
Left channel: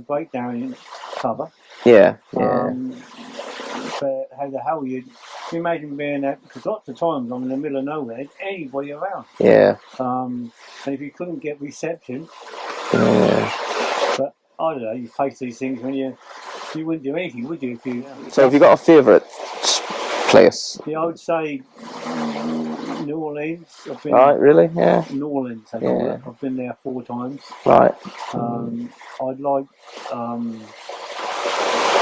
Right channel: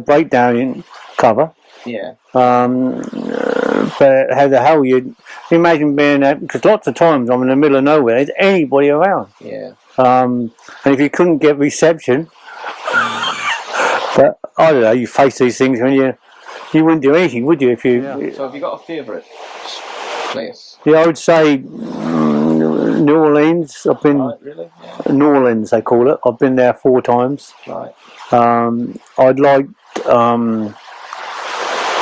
breakdown in cover. Yeah. But how the hell you imagine being out, because lots of times I'm in the middle of nowhere, there's anybody around. Yeah. And if you couldn't get reception, but I don't know, you face these things when you wouldn't do anything, would you? If you So have you got a favourite place? Yeah, I would say New Orleans. I've been Right, really? Yeah. New Orleans, they call it. I've been there 4 times. Right. I'd like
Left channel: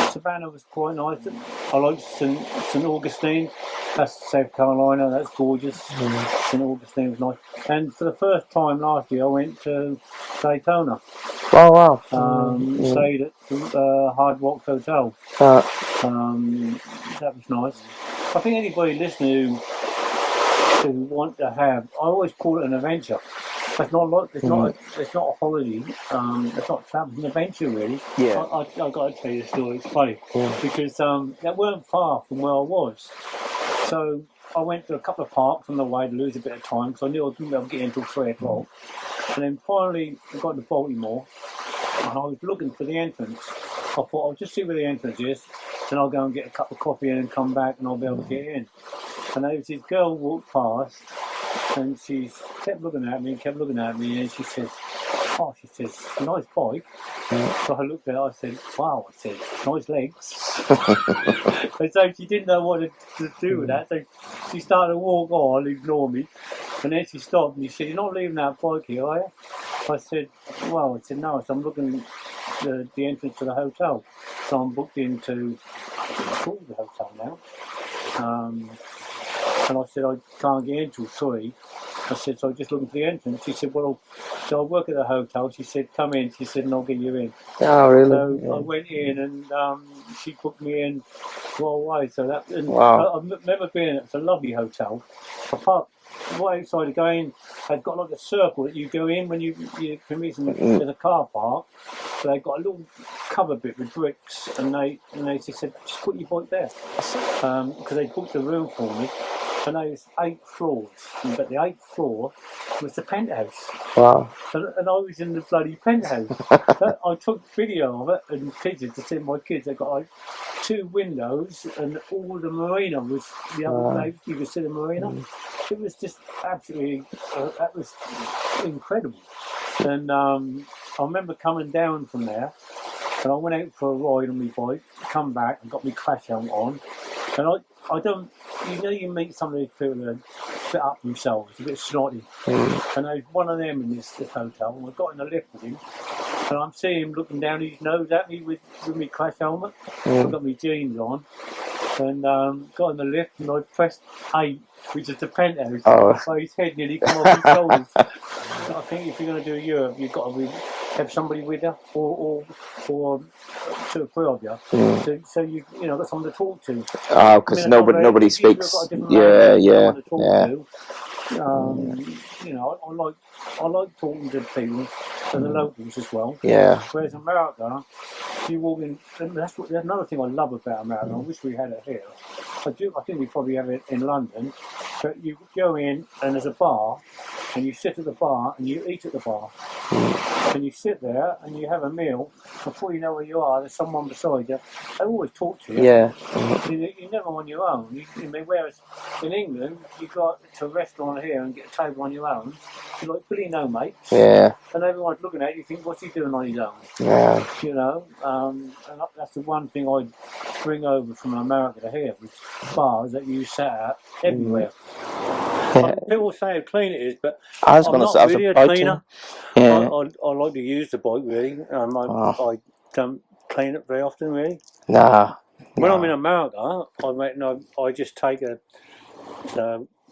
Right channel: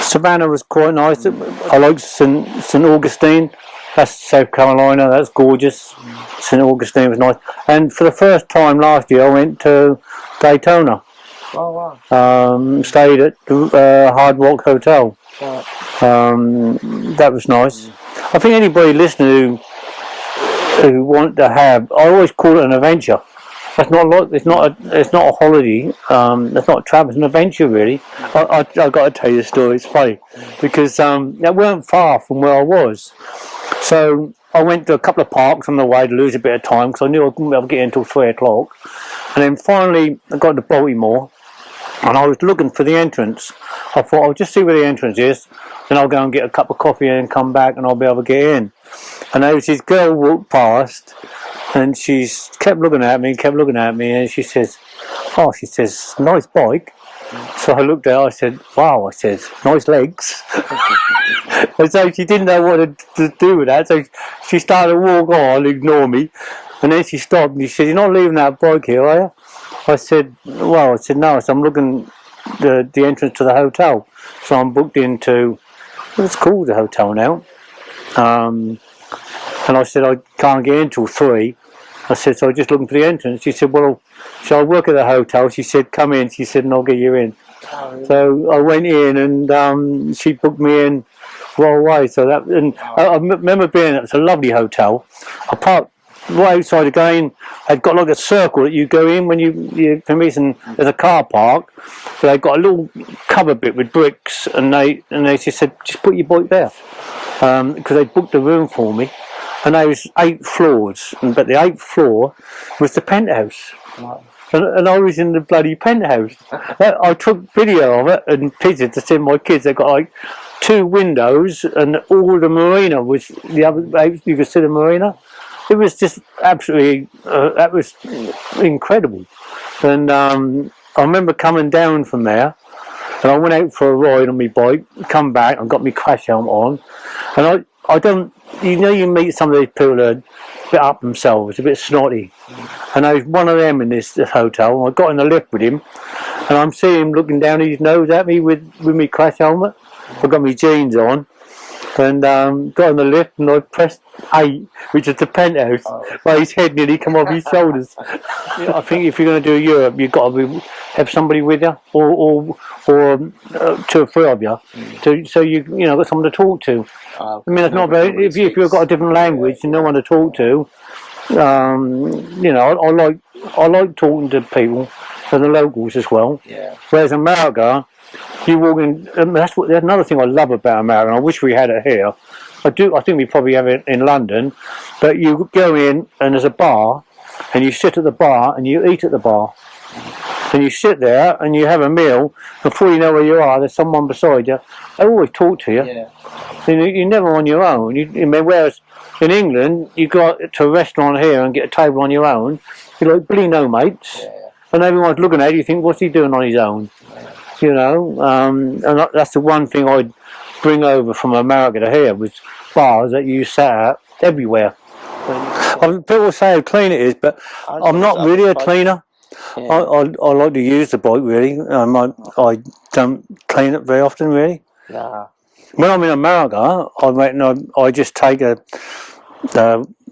Savannah was quite nice. I like St. Augustine. That's South Carolina. That's gorgeous. St. Augustine was nice. And for the first time last year, I went to Daytona. Oh, wow. Stayed at Hard Rock Hotel. That was nice. I think anybody listening who want to have, I always call it an adventure. That's not like it's not a holiday. That's not a travel. It's an adventure, really. Yeah. I've got to tell you a story. It's funny because that weren't far from where I was. So I went to a couple of parks on the way to lose a bit of time because I knew I wouldn't be able to get in until 3 o'clock. And then finally I got to Baltimore, and I was looking for the entrance. I thought I'll just see where the entrance is, then I'll go and get a cup of coffee and come back, and I'll be able to get in. And there was this girl walked past, and she kept looking at me, and she says, nice bike. So I looked at her, I said, wow, I said, nice legs. And so she didn't know what to do with that, so she started to walk on, ignore me, and then she stopped and she said, you're not leaving that bike here, are you? I said, no, so I'm looking the entrance to the hotel. So I'm booked into, it's called the hotel now. And I said, I can't get in till 3. I said, so I'm just looking for the entrance. She said, well, so I work at the hotel. She said, come in. She said, and I'll get you in. Oh, really? So I went in, and she booked me in right away. So that, and wow. I remember being, it was a lovely hotel. I parked right outside again. They've got like a circle that you go in when you for me, there's a car park. So they've got a little cover bit with bricks, and they just said, just put your bike there, because they booked a room for me. And there was 8 floors, but the 8th floor was the penthouse. Wow. And I was in the bloody penthouse. I took video of it and pictures to send my kids. They got like 2 windows, and all the marina was the other. Wow. You could see the marina. It was just absolutely. That was incredible. And I remember coming down from there, and I went out for a ride on my bike. Come back, and got my crash helmet on, and I don't. You know, you meet some of these people that are a bit up themselves, a bit snotty. And I was one of them in this hotel. I got in the lift with him, and I'm seeing him looking down his nose at me with my crash helmet. I've got my jeans on, and got in the lift, and I pressed 8, which is the penthouse. So his head nearly come off his shoulders. I think if you're going to do Europe, you've got to have somebody with you, or 2 or 3 of you, so you got someone to talk to. I mean, it's not very, if you've got a different language, you don't want to talk to. I like talking to people, to the locals as well. Yeah. Whereas America, you walk in. That's another thing I love about America. And I wish we had it here. I think we probably have it in London. But you go in and there's a bar, and you sit at the bar and you eat at the bar. and you sit there and you have a meal. Before you know where you are, there's someone beside you. They always talk to you. Yeah. You're never on your own. I mean, whereas in England, you go to a restaurant here and get a table on your own. You're like, bloody no mates. Yeah. And everyone's looking at you. You think, what's he doing on his own? Yeah. You know, and that's the one thing I'd bring over from America to here was bars that you sat at everywhere. People say how clean it is, but I'm not really a cleaner. Yeah. I like to use the bike really. I don't clean it very often really. Nah. When I'm in America, I reckon I just take the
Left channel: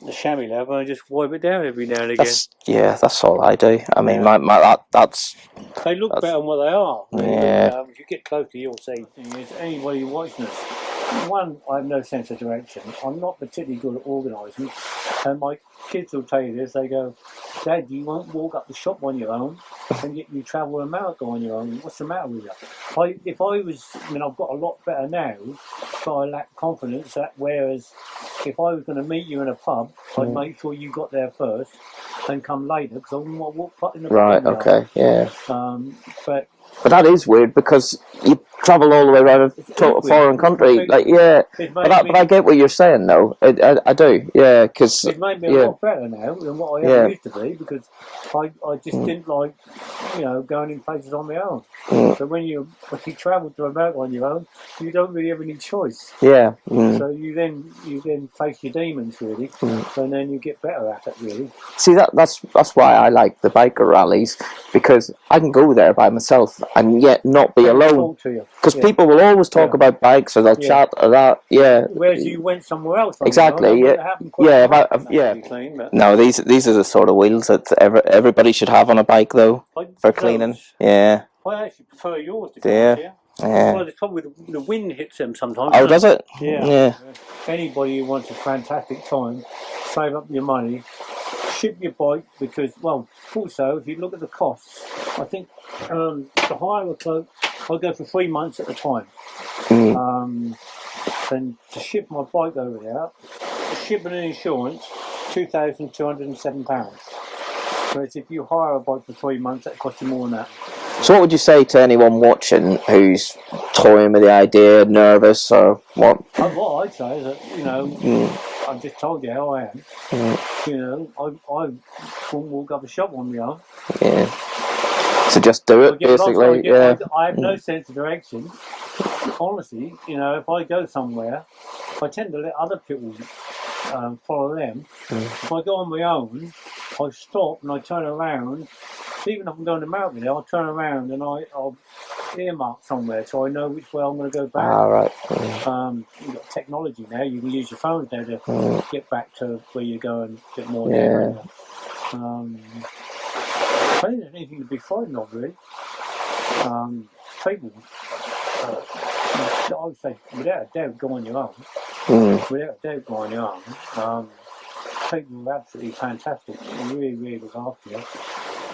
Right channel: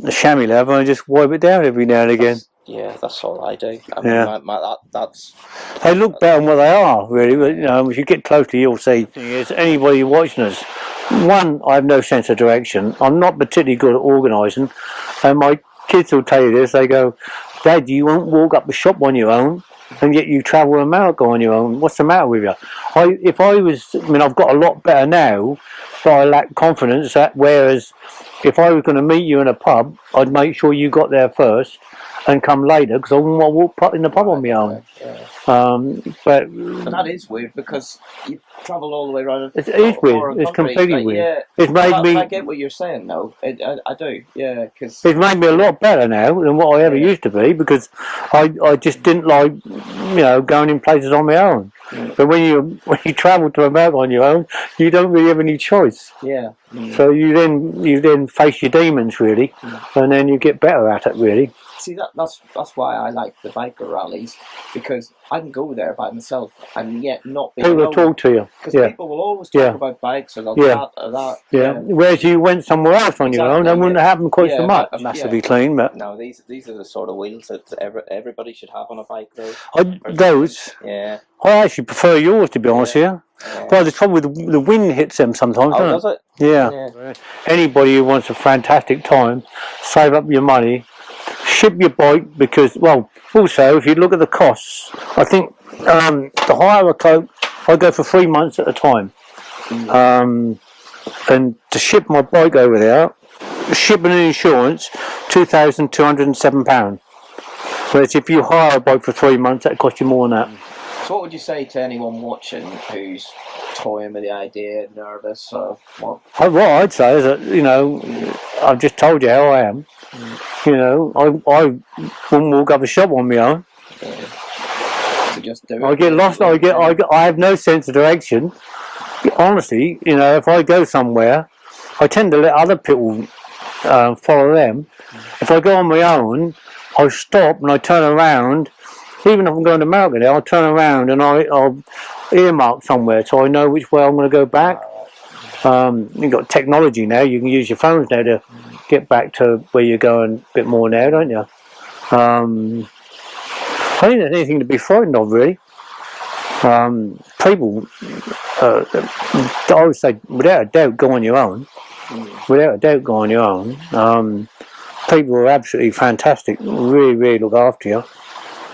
chamois leather and just wipe it down every now and again. That's all I do. I mean, that's. They look better than what they are, really. Yeah. But if you get closely, you'll see. Is anybody watching us? One, I have no sense of direction. I'm not particularly good at organising, and my kids will tell you this. They go, "Dad, you won't walk up the shop on your own, and yet you travel America on your own. What's the matter with you?" I've got a lot better now, but I lack confidence. Whereas, if I was going to meet you in a pub, I'd make sure you got there first and come later because I wouldn't want to walk in the pub on my own. Yeah. But that is weird because you travel all the way around a foreign country. But I get what you're saying though. I do. Yeah, because it's made me a lot better now than what I ever used to be because I just didn't like going in places on my own. But when you travel to America on your own, you don't really have any choice. Yeah. So you then face your demons really, and then you get better at it really. See that's why I like the biker rallies because I can go there by myself and yet not be alone. Talk to you because people will always talk about bikes or they'll chat or that. Yeah. Whereas you went somewhere else on your own, that wouldn't happen quite so much. Massively clean, but no, these are the sort of wheels that everybody should have on a bike though. Yeah. I actually prefer yours to be honest here. Yeah. Well, the trouble with the wind hits them sometimes. Oh, does it? Yeah. Anybody who wants a fantastic time, save up your money, ship your bike because, well, also if you look at the costs, I think the hire a cloak, I go for 3 months at a time. And to ship my bike over there, shipping and insurance, £2,207. Whereas if you hire a bike for 3 months, that costs you more than that. So what would you say to anyone watching who's toying with the idea, nervous or what? What I'd say is that, I've just told you how I am. I wouldn't walk up a shop on my own. Yeah. So just do it. I get lost. I have no sense of direction. Honestly, if I go somewhere, I tend to let other people follow them. If I go on my own, I stop and I turn around. Even if I'm going to America now, I'll turn around and I'll earmark somewhere so I know which way I'm going to go back. Right. You've got technology now. You can use your phones now to get back to where you're going a bit more now, don't you? I think there's anything to be frightened of, really. People, I would say, without a doubt, go on your own. Without a doubt, go on your own. People are absolutely fantastic. Really, really look after you.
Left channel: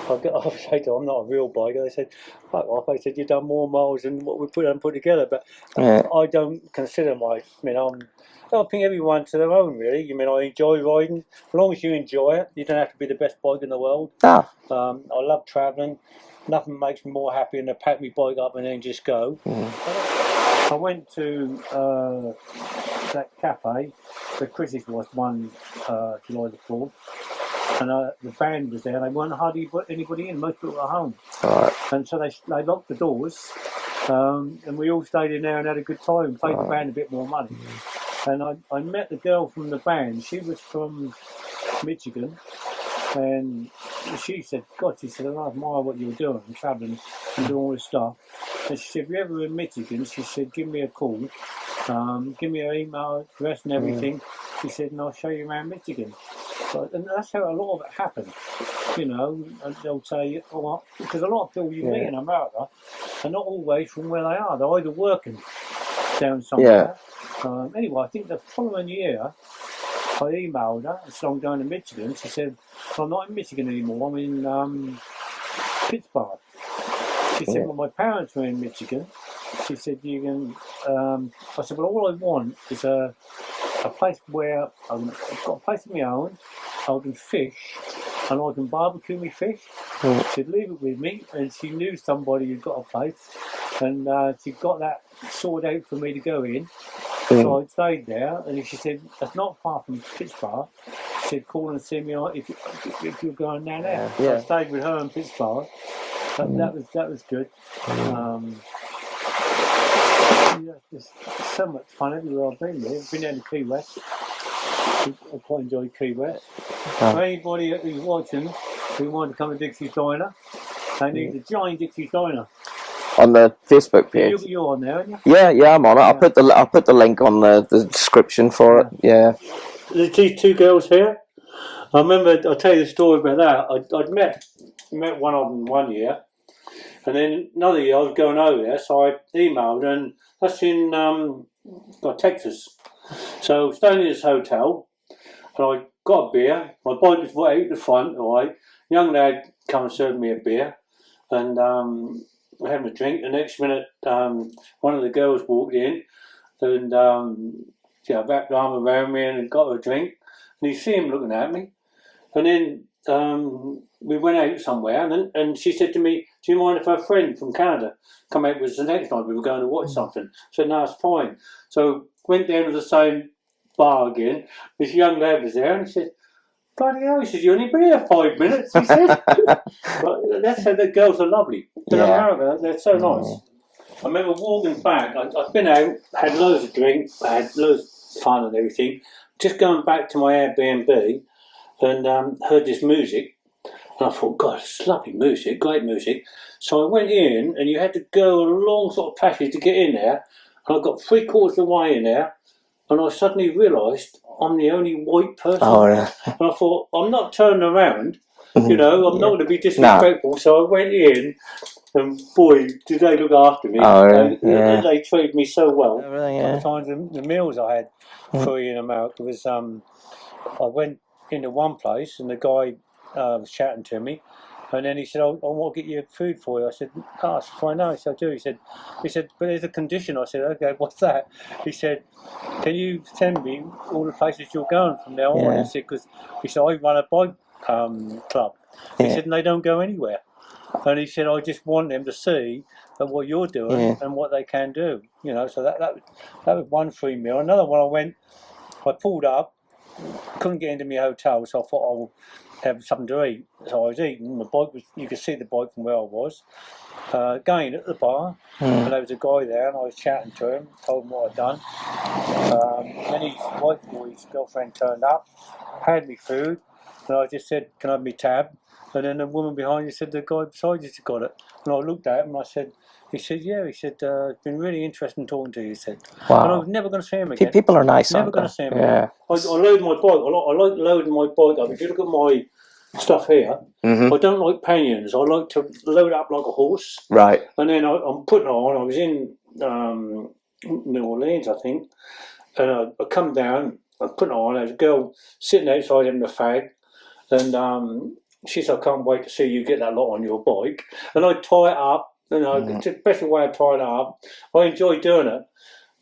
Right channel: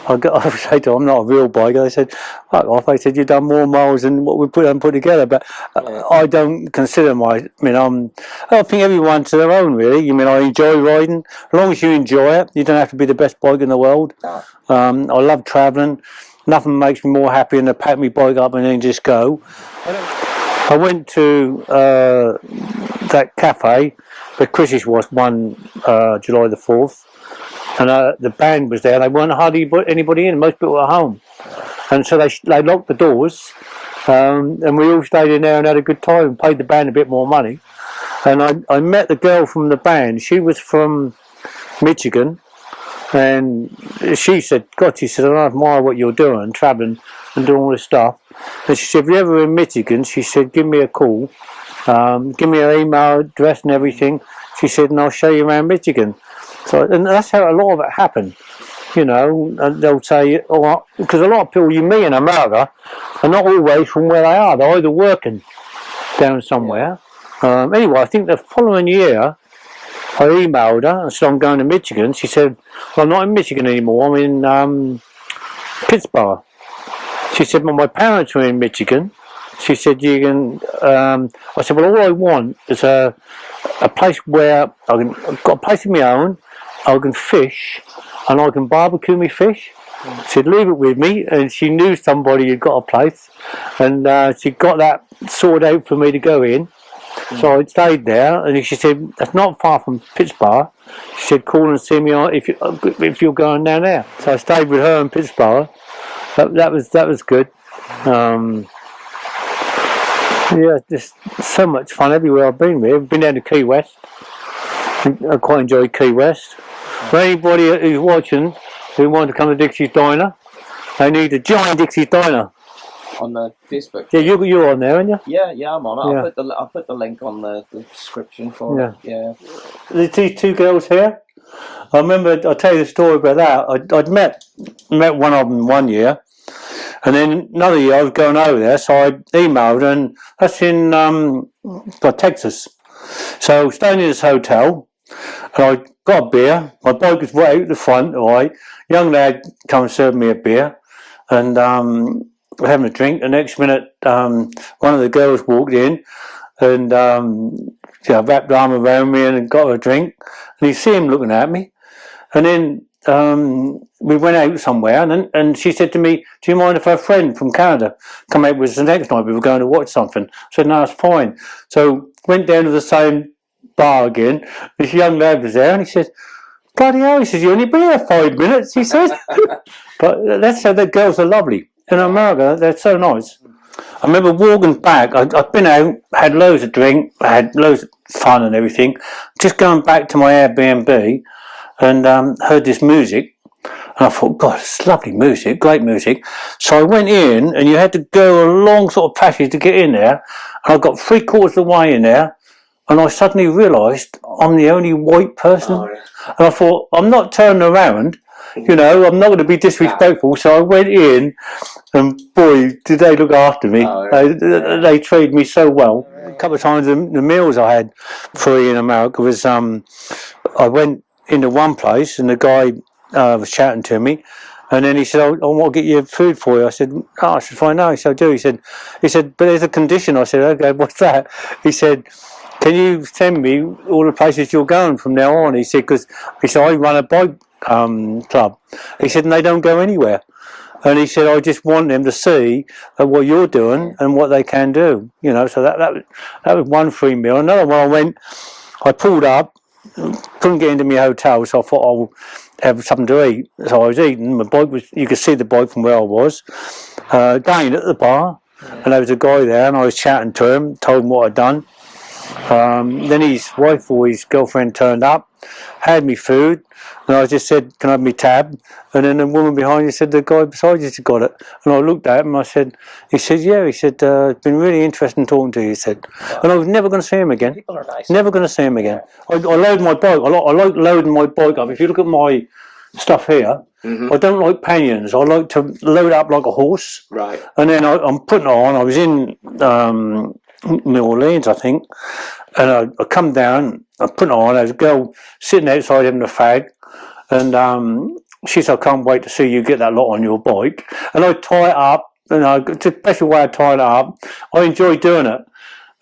I would say to them, I'm not a real biker. They said, fuck off. They said, you've done more miles than what we put together. But I don't consider I think everyone's to their own, really. I enjoy riding. As long as you enjoy it, you don't have to be the best bike in the world. No. I love travelling. Nothing makes me more happy than to pack my bike up and then just go. I went to that cafe where Chris's was one July the 4th. And the band was there. They weren't hardly anybody in. Most people were at home. Right. And so they locked the doors. And we all stayed in there and had a good time and paid the band a bit more money. And I met the girl from the band. She was from Michigan. And she said, I admire what you're doing, travelling and doing all this stuff. And she said, if you're ever in Michigan, she said, give me a call. Give me her email address and everything. She said, and I'll show you around Michigan. So, and that's how a lot of it happened, and they'll say, because a lot of people you meet in America are not always from where they are. They're either working down somewhere. Yeah. Anyway, I think the following year, I emailed her and said, I'm going to Michigan. She said, well, I'm not in Michigan anymore. I'm in Pittsburgh. She said, well, my parents were in Michigan. She said, you can... I said, well, all I want is a place where I've got a place of my own. I can fish and I can barbecue my fish She'd leave it with me, and she knew somebody had got a place, and she got that sorted out for me to go in. So I stayed there, and she said, "That's not far from Pittsburgh." She said, "Call and see me if you're going down there." So I stayed with her in Pittsburgh. That was good. Yeah, just so much fun everywhere I've been. I've been down to Key West. I quite enjoy Key West. For anybody who's watching who wants to come to Dixie Diner, they need to join Dixie Diner. On the Facebook page. Yeah, you're on there, aren't you? Yeah, I'm on it. Yeah. I'll put the link on the description for it. Yeah. These two girls here. I remember. I'll tell you the story about that. I'd met one of them one year, and then another year I was going over there, so I emailed, and that's in Texas. So staying in this hotel, and I got a beer. My bike was right out the front. Right, young lad come and serve me a beer, and we're having a drink. The next minute, one of the girls walked in, and wrapped the arm around me and got a drink. And you see him looking at me, and then we went out somewhere, and she said to me, "Do you mind if our friend from Canada come out with us the next night? We were going to watch something." I said, "No, it's fine." So went down to the same bar again. This young lad was there, and he said, "Bloody hell," he says, "you only been here 5 minutes," he says. But that's how the girls are lovely. In America, they're so nice. I remember walking back, I'd been out, had loads of drink, had loads of fun and everything, just going back to my Airbnb, and heard this music, and I thought, God, it's lovely music, great music. So I went in, and you had to go a long sort of passage to get in there, and I got 3/4 of the way in there, and I suddenly realised I'm the only white person. And I thought, I'm not turning around, you know, I'm not going to be disrespectful. No. So I went in, and boy, did they look after me. They treated me so well. A couple of times the meals I had free in America was, I went into one place, and the guy was chatting to me, and then he said, I want to get you food for you. I said, I should find out. He said, I do. He said, but there's a condition. I said, okay, what's that? He said, can you send me all the places you're going from now on? He said, because I run a bike club. He said, and they don't go anywhere. And he said, I just want them to see what you're doing and what they can do. You know, so that was one free meal. Another one, I pulled up, couldn't get into my hotel, so I thought I'll have something to eat. So I was eating. My bike you could see the bike from where I was. Again at the bar, and there was a guy there, and I was chatting to him, told him what I'd done. Then his wife or his girlfriend turned up, had me food, and I just said, can I have my tab? And then the woman behind me said, the guy beside you got it. And I looked at him and I said, he said, yeah. He said, it's been really interesting talking to you, he said. Wow. And I was never going to see him again. People are nice. Never going to see him again. I load my bike. I like loading my bike up. If you look at my stuff here, I don't like pinions. I like to load up like a horse. Right. And then I'm putting it on. I was in New Orleans, I think. And I come down, I put it on. There's a girl sitting outside having a fag. And she said, I can't wait to see you get that lot on your bike. And I tie it up. And it's the best way I tie it up. I enjoy doing it.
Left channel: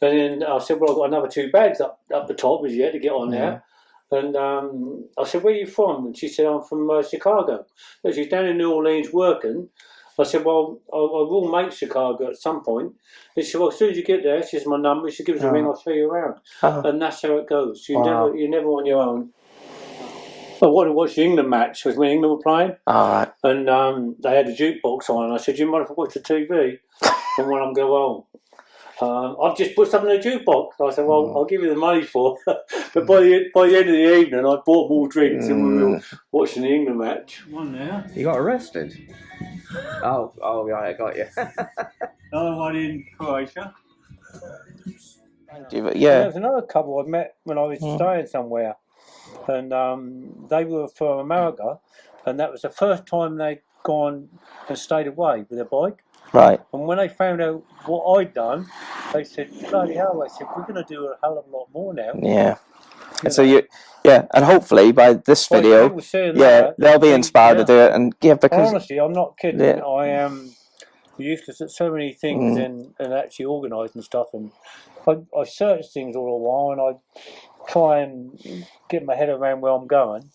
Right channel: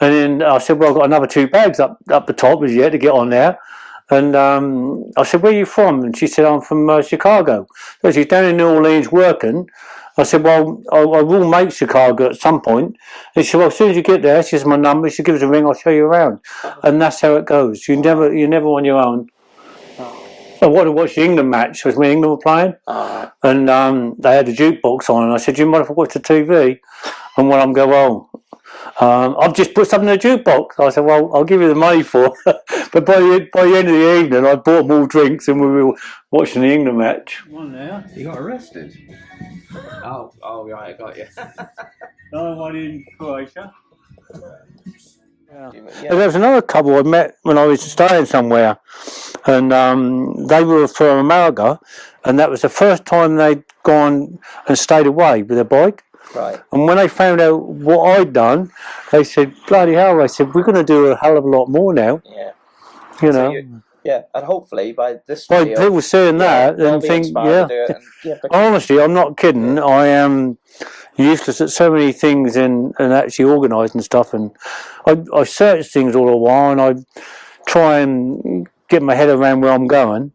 And then I said, well, I've got another 2 bags up the top as yet to get on there. And I said, where are you from? And she said, I'm from Chicago. So she's down in New Orleans working. I said, well, I will make Chicago at some point. And she said, well, as soon as you get there, she has my number. She gives us a ring, I'll show you around. And that's how it goes. You're never on your own. I wanted to watch the England match. It was when England were playing. And they had a jukebox on. And I said, do you mind if I watch the TV? And one of them go, well, I've just put something in the jukebox. I said, well, I'll give you the money for it. But by the end of the evening, I bought them all drinks and we were watching the England match. One there. You got arrested? Oh, right, I got you. Another one in Croatia. Yeah. There was another couple I met when I was staying somewhere, and they were from America, and that was the first time they'd gone and stayed away with their bike. Right. And when they found out what I'd done, they said, bloody hell, they said, we're going to do a hell of a lot more now. Yeah. And hopefully by this video, people seeing that, they'll be inspired to do it. And honestly, I'm not kidding. Yeah. I am useless at so many things and actually organising stuff. And I search things all the while, and I try and get my head around where I'm going.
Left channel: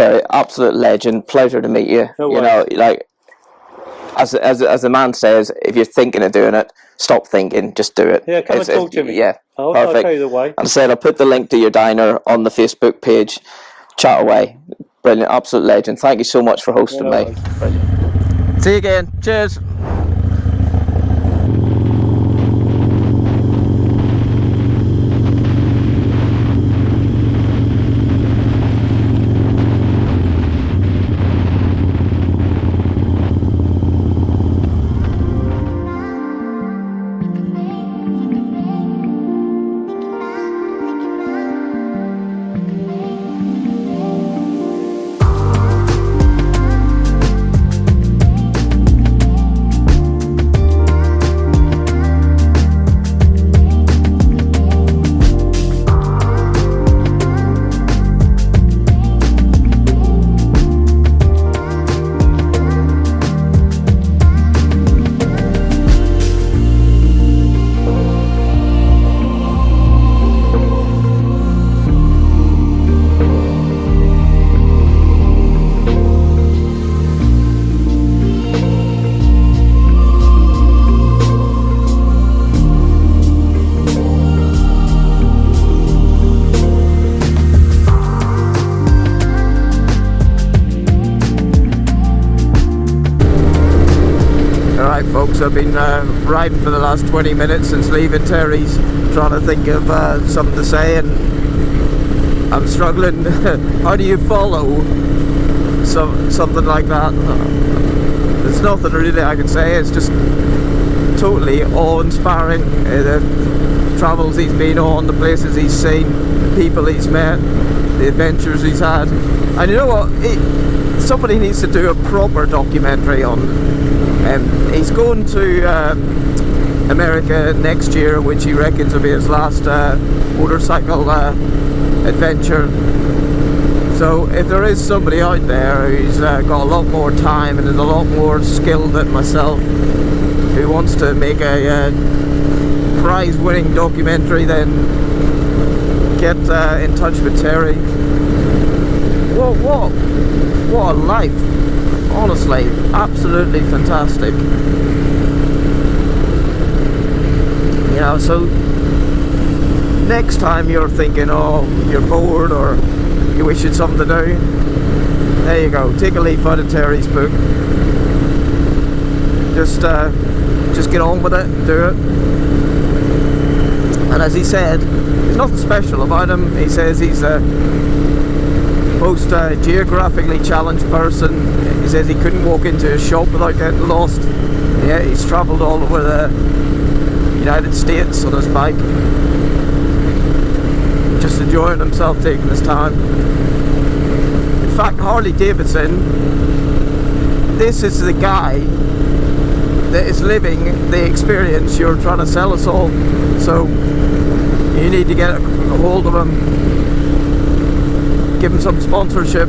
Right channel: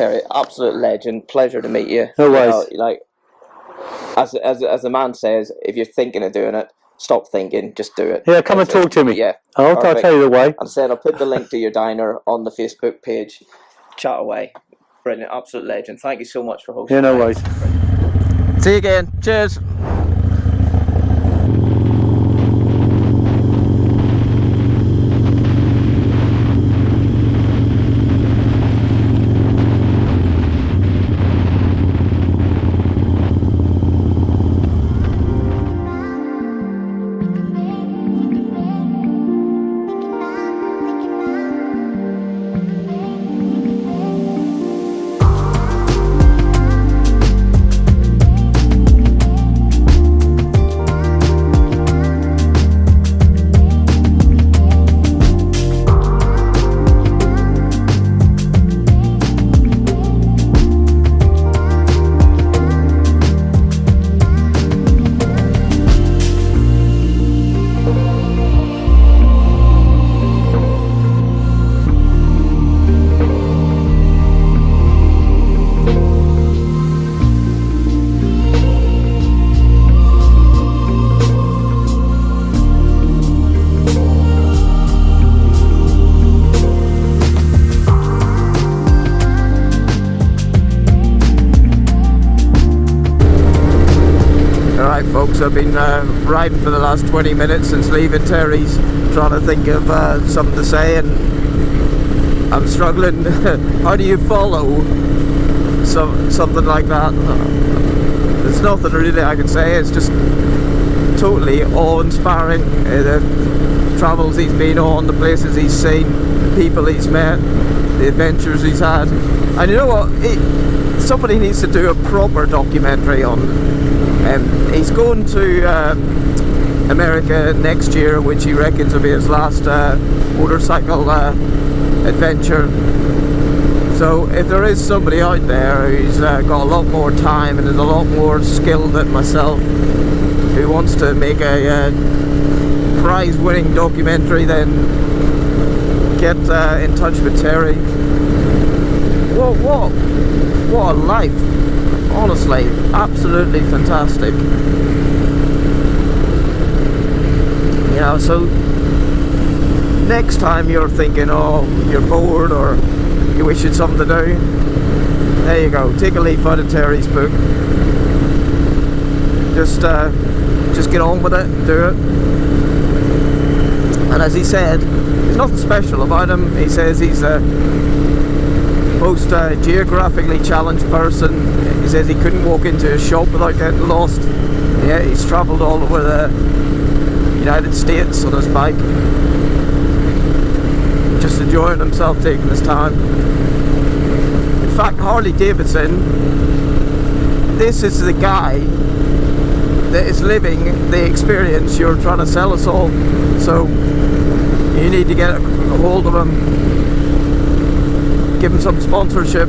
Terry, absolute legend. Pleasure to meet you. No You worries. know, like as the man says, if you're thinking of doing it, stop thinking, just do it. Yeah, come and talk to me. Yeah, I'll perfect. tell you the way. As I said, I'll put the link to your diner on the Facebook page. Chat away. Brilliant, absolute legend. Thank you so much for hosting Yeah, no me. worries. See you again. Cheers. Folks, I've been riding for the last 20 minutes since leaving Terry's, trying to think of something to say, and I'm struggling. How do you follow something like that? There's nothing really I can say. It's just totally awe-inspiring. The travels he's been on, the places he's seen, the people he's met, the adventures he's had. And you know what? Somebody needs to do a proper documentary on. He's going to America next year, which he reckons will be his last motorcycle adventure. So if there is somebody out there who's got a lot more time and is a lot more skilled than myself, who wants to make a prize-winning documentary, then get in touch with Terry. What a life! Honestly, absolutely fantastic. You know, so next time you're thinking, oh, you're bored or you wish you'd something to do, there you go. Take a leaf out of Terry's book. Just get on with it, do it. And as he said, there's nothing special about him. He says he's a most geographically challenged person. He says he couldn't walk into a shop without getting lost. Yeah, he's travelled all over the United States on his bike, just enjoying himself, taking his time. In fact, Harley Davidson, this is the guy that is living the experience you're trying to sell us all. So you need to get a hold of him, give him some sponsorship.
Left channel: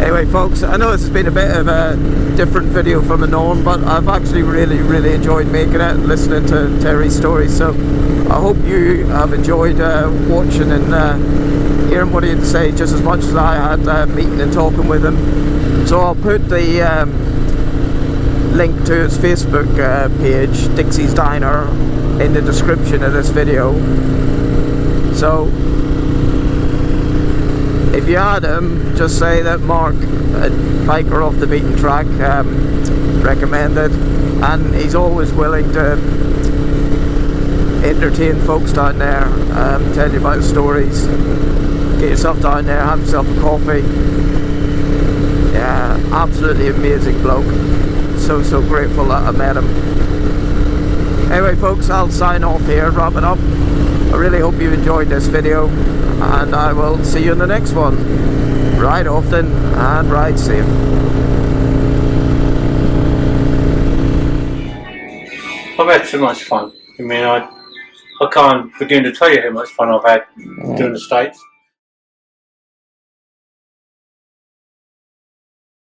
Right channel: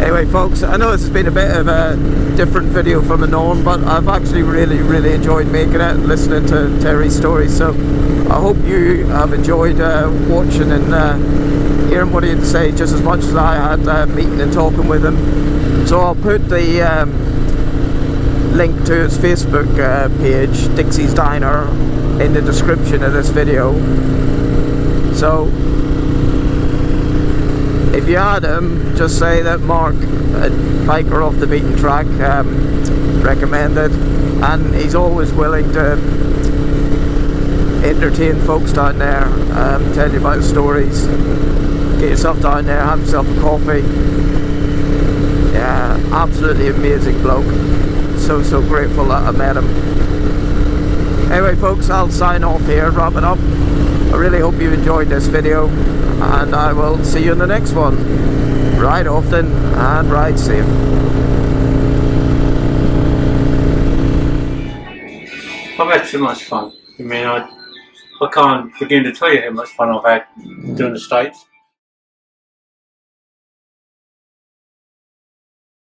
Anyway folks, I know this has been a bit of a different video from the norm, but I've actually really enjoyed making it and listening to Terry's stories. So I hope you have enjoyed watching and hearing what he had to say just as much as I had meeting and talking with him. So I'll put the link to his Facebook page, Dixie's Diner, in the description of this video. So if you add him, just say that Mark, a biker off the beaten track, recommended, and he's always willing to entertain folks down there, tell you about stories. Get yourself down there, have yourself a coffee. Yeah, absolutely amazing bloke. So grateful that I met him. Anyway folks, I'll sign off here, wrap it up. I really hope you enjoyed this video, and I will see you in the next one. Ride often and ride safe. I've had so much fun. I mean, I can't begin to tell you how much fun I've had doing the States.